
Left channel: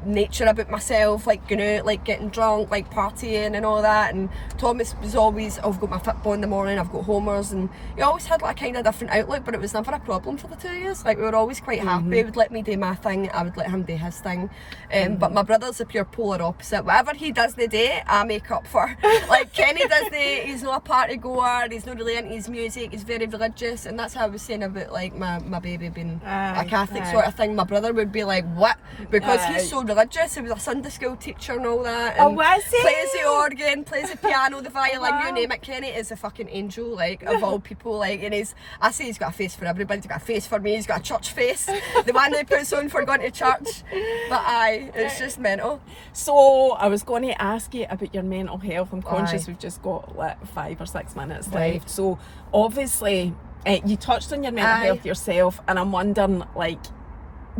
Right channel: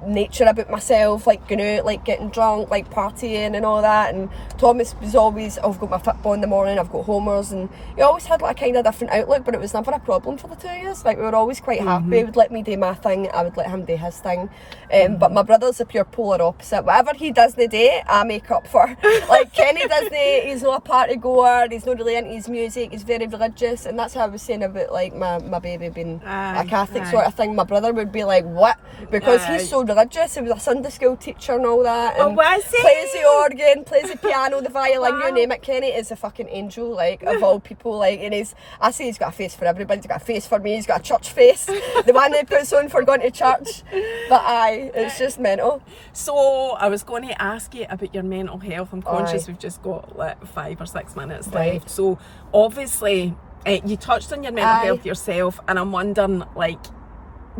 nature about myself, like going out, like getting drunk, like partying and all that. And Thomas was always, I've got my football in the morning, I've got homers, and he always had like a kind of different outlook, but it was never a problem for the 2 years. Like, we were always quite happy. He would let me do my thing, I would let him do his thing. But my brother's a pure polar opposite. Whatever he doesn't do, I make up for. Like, Kenny doesn't, he's not a party goer, he's not really into his music, he's very religious. And that's how I was saying about like my baby being a Catholic sort of thing. My brother would be like, what? Because he's so religious. He was a Sunday school teacher and all that. And was he? plays the organ, plays the piano, the violin, you name it. Kenny is a fucking angel, like, of all people. Like, and I say he's got a face for everybody. He's got a face for me. He's got a church face, the one that he puts on for going to church. But it's just mental. So I was going to ask you about your mental health. I'm conscious we've just got like 5 or 6 minutes left. So obviously you touched on your mental health yourself, and I'm wondering, like,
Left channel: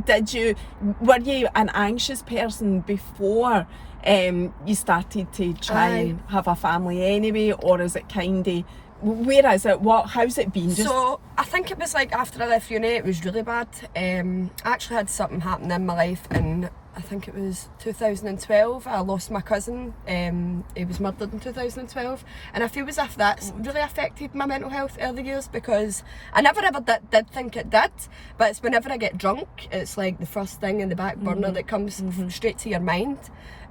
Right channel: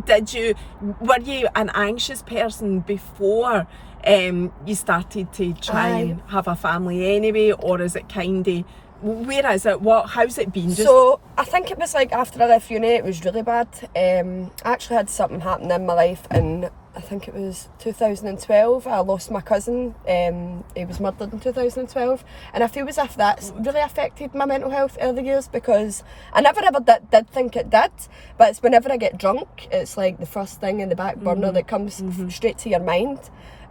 were you an anxious person before you started to try and have a family anyway, or is it kind of, where is it, how's it been? So I think it was like after I left uni, it was really bad. I actually had something happen in my life, and I think it was 2012. I lost my cousin. He was murdered in 2012, and I feel as if that's really affected my mental health early years, because I never ever did think it did, but it's whenever I get drunk, it's like the first thing in the back burner that comes straight to your mind.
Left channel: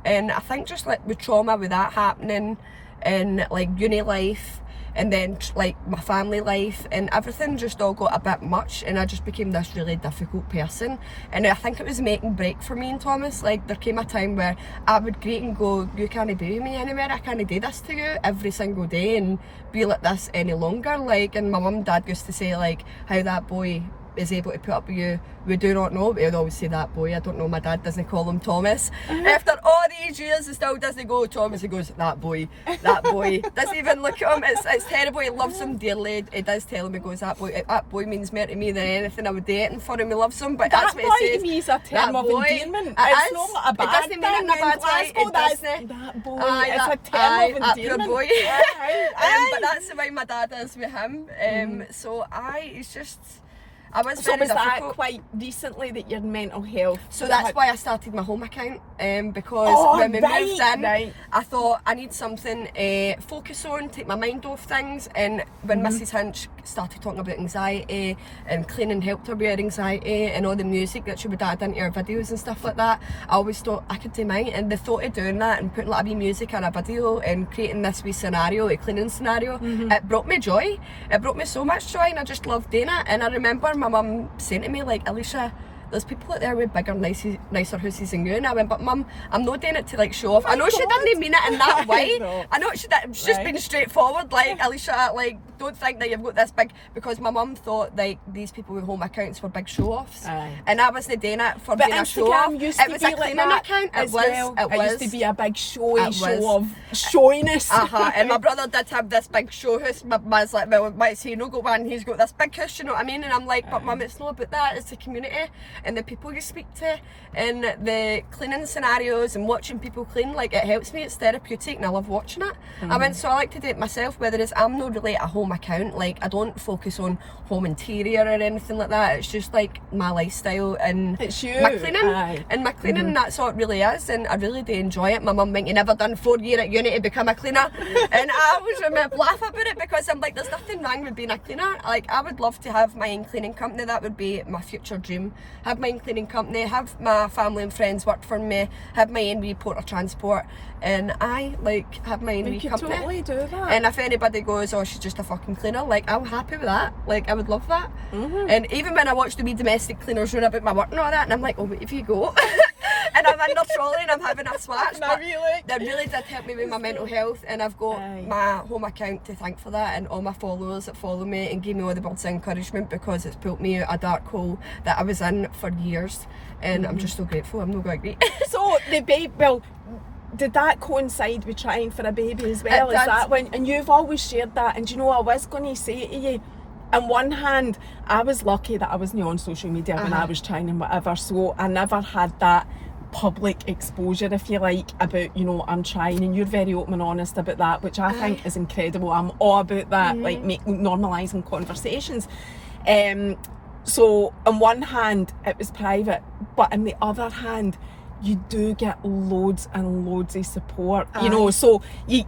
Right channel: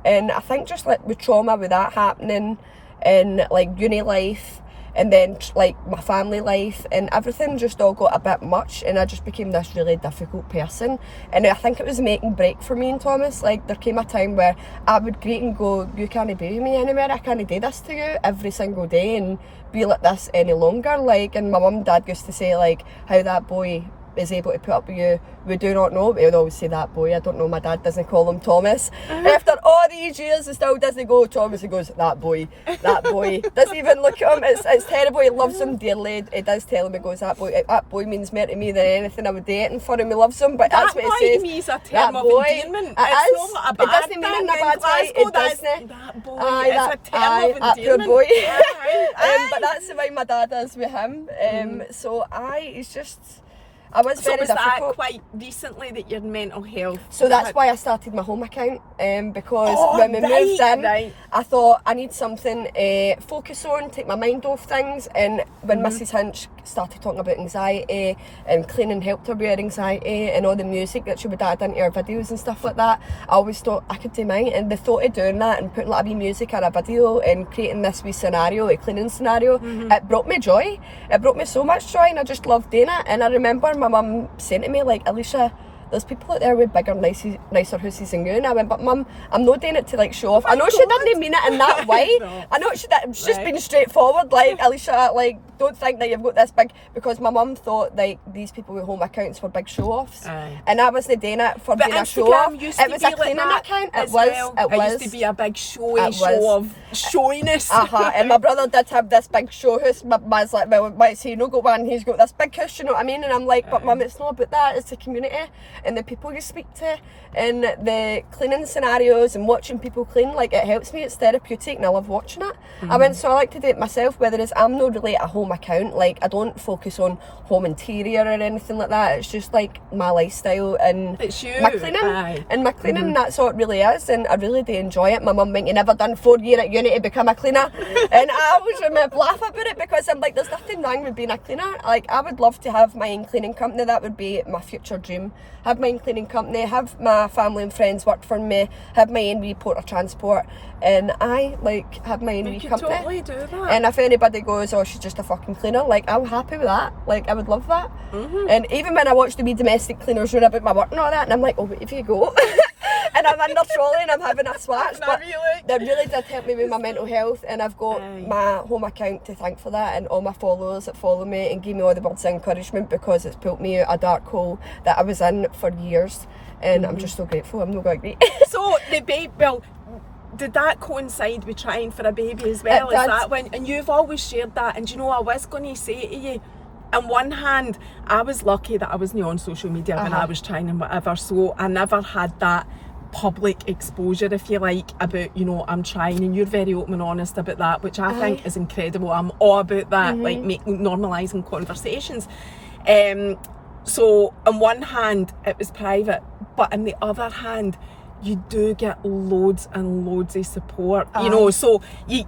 And I think just like with trauma with that happening in like uni life, and then like my family life and everything just all got a bit much, and I just became this really difficult person. And I think it was make and break for me and Thomas. Like, there came a time where I would greet and go, you can't be with me anywhere, I can't do this to you every single day and be like this any longer. Like, and my mum and dad used to say like how that boy is able to put up with you, we do not know. We would always say that boy. I don't know, my dad doesn't call him Thomas. After all these years, he still doesn't go Thomas. He goes, that boy. Doesn't even look at him. It's terrible. He loves him dearly. He does tell him, he goes, that boy means more to me than anything. I would do anything for him. He loves him, but that's what he says. That boy to me is a term of endearment. It's not a bad thing. It doesn't mean in a bad way. It doesn't. That boy is a term of endearment. Poor boy. But that's the way my dad is with him. So it's just... So was that quite recently that your mental health... So that's why I started my home account, because when we moved in, I thought I need something focus on, take my mind off things, and when Mrs. Hinch started talking about anxiety and cleaning helped her with her anxiety and all the music that she would add into her videos and stuff like that, I always thought I could do mine, and the thought of doing that and putting like a wee music on a video and creating this wee scenario, a cleaning scenario, it brought me joy. It brought me so much joy, and I just loved doing it. And I remember my mum saying to me, like, Alicia, there's people out there with bigger, nicer houses than you. And I went, but Mum, I'm not doing it to like show off. I know she didn't mean it in that way. I know she's just been straightforward, like, Alicia, like, don't think that you've got this big, because my mum thought like these people with home accounts were big show offs. And I wasn't doing it for being a show off. Used to it was be a cleaning like account. It used to be a big show of showiness. And my brother did have this big show house. My mum's like, well, why is he not got one? He's got this big house, you know what I mean? And I'm like, but Mum, it's not about that. It's the community and the people you speak to, and the cleaning scenarios and watching people clean. Like, it helps me. It's therapeutic, and I love watching it. I went, so I like to do it myself. Whether it's, I'm not really a home account. Like, I don't focus on home interior or anything like that. It's just like my lifestyle and it's you. My cleaning. And my cleaning, that's all it really is. And I really do enjoy it. My mum went, you never done 4 years at uni to become a cleaner. And I always remember laugh about it, because I'm like, there's nothing wrong with being a cleaner. Like, I would love to have my own cleaning company. That would be my future dream. Have my own cleaning company, have my family and friends work for me, have my own wee port of transport, and I like have my own wee company. You could totally do that. And if anybody goes, oh, she's just a fucking cleaner, like, I'm happy with that. Like, I would love that. And even when I watch the wee domestic cleaners run about my work and all that, and I'm like, oh, if you go. And I'm in the trolley and I'm having a swatch. But that really did help me with my mental health, and I've got my home account to thank for that, and all my followers that follow me and give me all the words of encouragement, because it's pulled me out a dark hole that I was in for years, and I'm just so grateful. I'm not going to agree. So the baby, well, did that coincide with trying for a baby as well? Is that when? And you've always shared that, and you know, I was going to say to you, on one hand, I was lucky that I wasn't on social media when I was trying and whatever, so I never had that public exposure, if you like, about, you know, I'm trying, and you're very open and honest about that, which I think is incredible. I'm all about that, like normalising conversations. So on one hand it was private, but on the other hand you do get loads and loads of support, you know, so you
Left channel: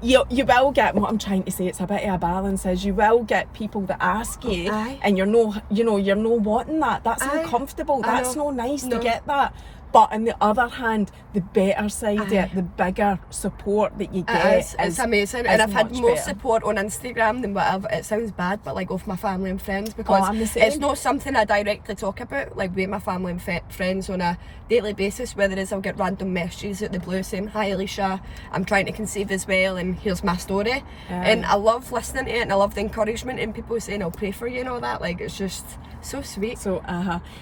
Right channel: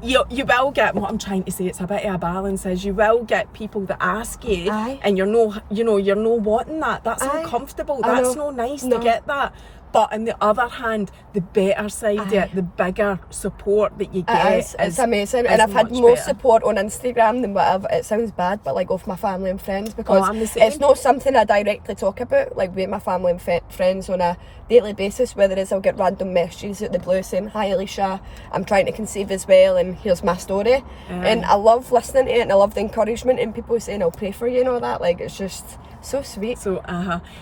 will get, what I'm trying to say, it's a bit of a balance, is you will get people that ask you and you're no wanting that. That's uncomfortable. That's no nice to get that. But on the other hand, the better side of it, the bigger support that you get it's amazing. And I've had more support on Instagram than whatever. It sounds bad, but like off my family and friends, because it's not something I directly talk about, like with my family and friends on a daily basis. Whether it's I'll get random messages at the blue saying, hi Alicia, I'm trying to conceive as well, and here's my story. And I love listening to it, and I love the encouragement, and people saying I'll pray for you and all that. Like, it's just so sweet. So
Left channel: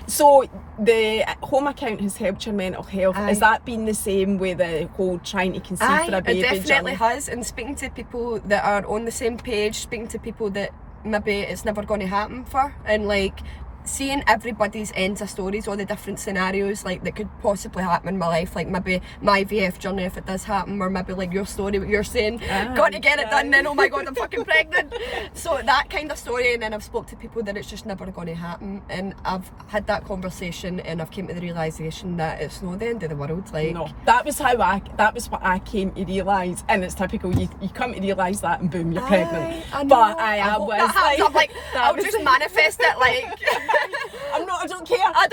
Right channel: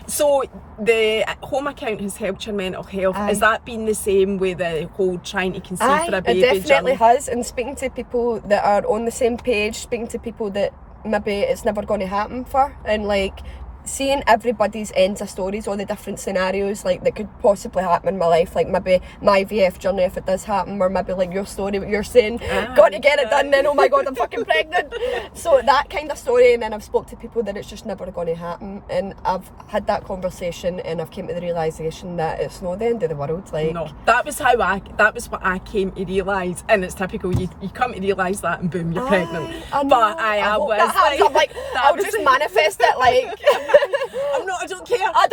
so the home account has helped your mental health. Has that been the same with the whole trying to conceive for a baby it definitely journey? has. And speaking to people that are on the same page, speaking to people that maybe it's never going to happen for, and like seeing everybody's ends of stories, all the different scenarios like that could possibly happen in my life, like maybe my IVF journey if it does happen, or maybe like your story, what you're saying, got to get it done, then oh my god, I'm fucking pregnant. So that kind of story, and then I've spoke to people that it's just never going to happen, and I've had that conversation, and I've came to the realisation that it's not the end of the world. Like, no, that was what I came to realise, and it's typical, you come to realise that and boom, you're pregnant. But I was like, I'll just manifest it, like I don't care. I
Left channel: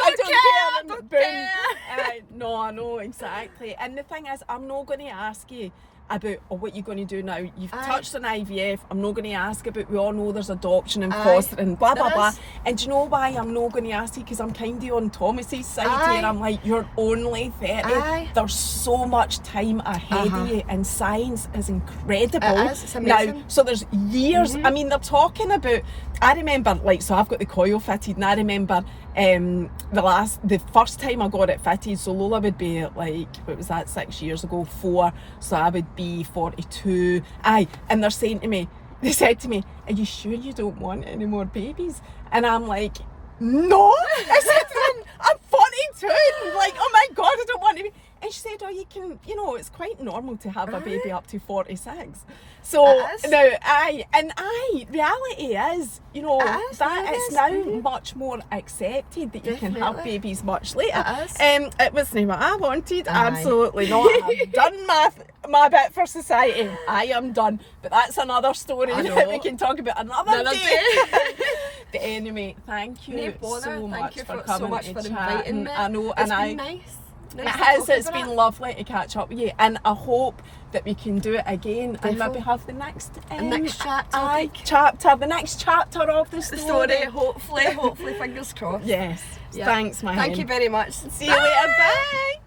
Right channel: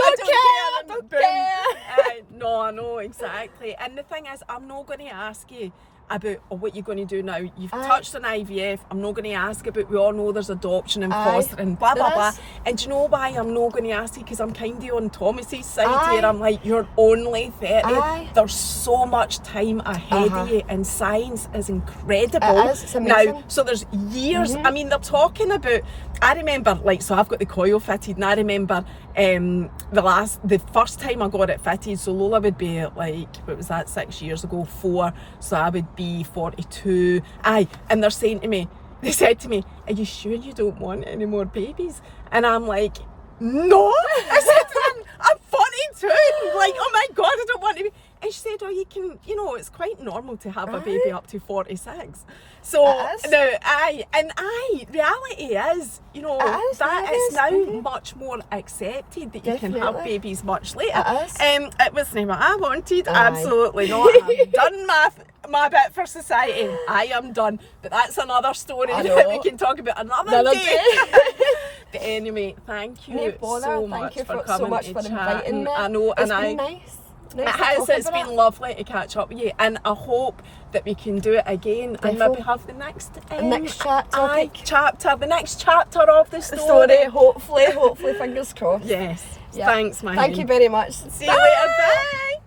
don't care. No, I know, exactly. And the thing is, I'm not going to ask you about what you're going to do now. You've touched on IVF. I'm not going to ask about, we all know there's adoption and fostering, blah, blah, blah. And do you know why I'm not going to ask you? Because I'm kind of on Thomas's side here. I'm like, you're only 30. There's so much time ahead of you, and science is incredible. It is. It's amazing. Now, so there's years. I mean, they're talking about, I remember, like, so I've got the coil fitted, and I remember the first time I got it fitted, so Lola would be like, what was that, 6 years ago, 4, so I would be 42. And they're saying to me, they said to me, are you sure you don't want any more babies? And I'm like, no. I said to them, I'm 42. Like, oh my God, I don't want to be. And she said, oh, you can, you know, it's quite normal to have a baby up to 46. So, now, reality is, you know, it's now much more accepted that you can have babies much later. It wasn't what I wanted, absolutely not. I've done my bit for society. I am done. But that's another story that we can talk about another day. But anyway, thank you so much for coming to chat. I know, and it's been lovely to catch up with you, and I hope that we can do it again and maybe have the next chapter, the next chapter of the story. Hopefully, fingers crossed. Yes. Thanks, my Thank you very much. See you later. Bye.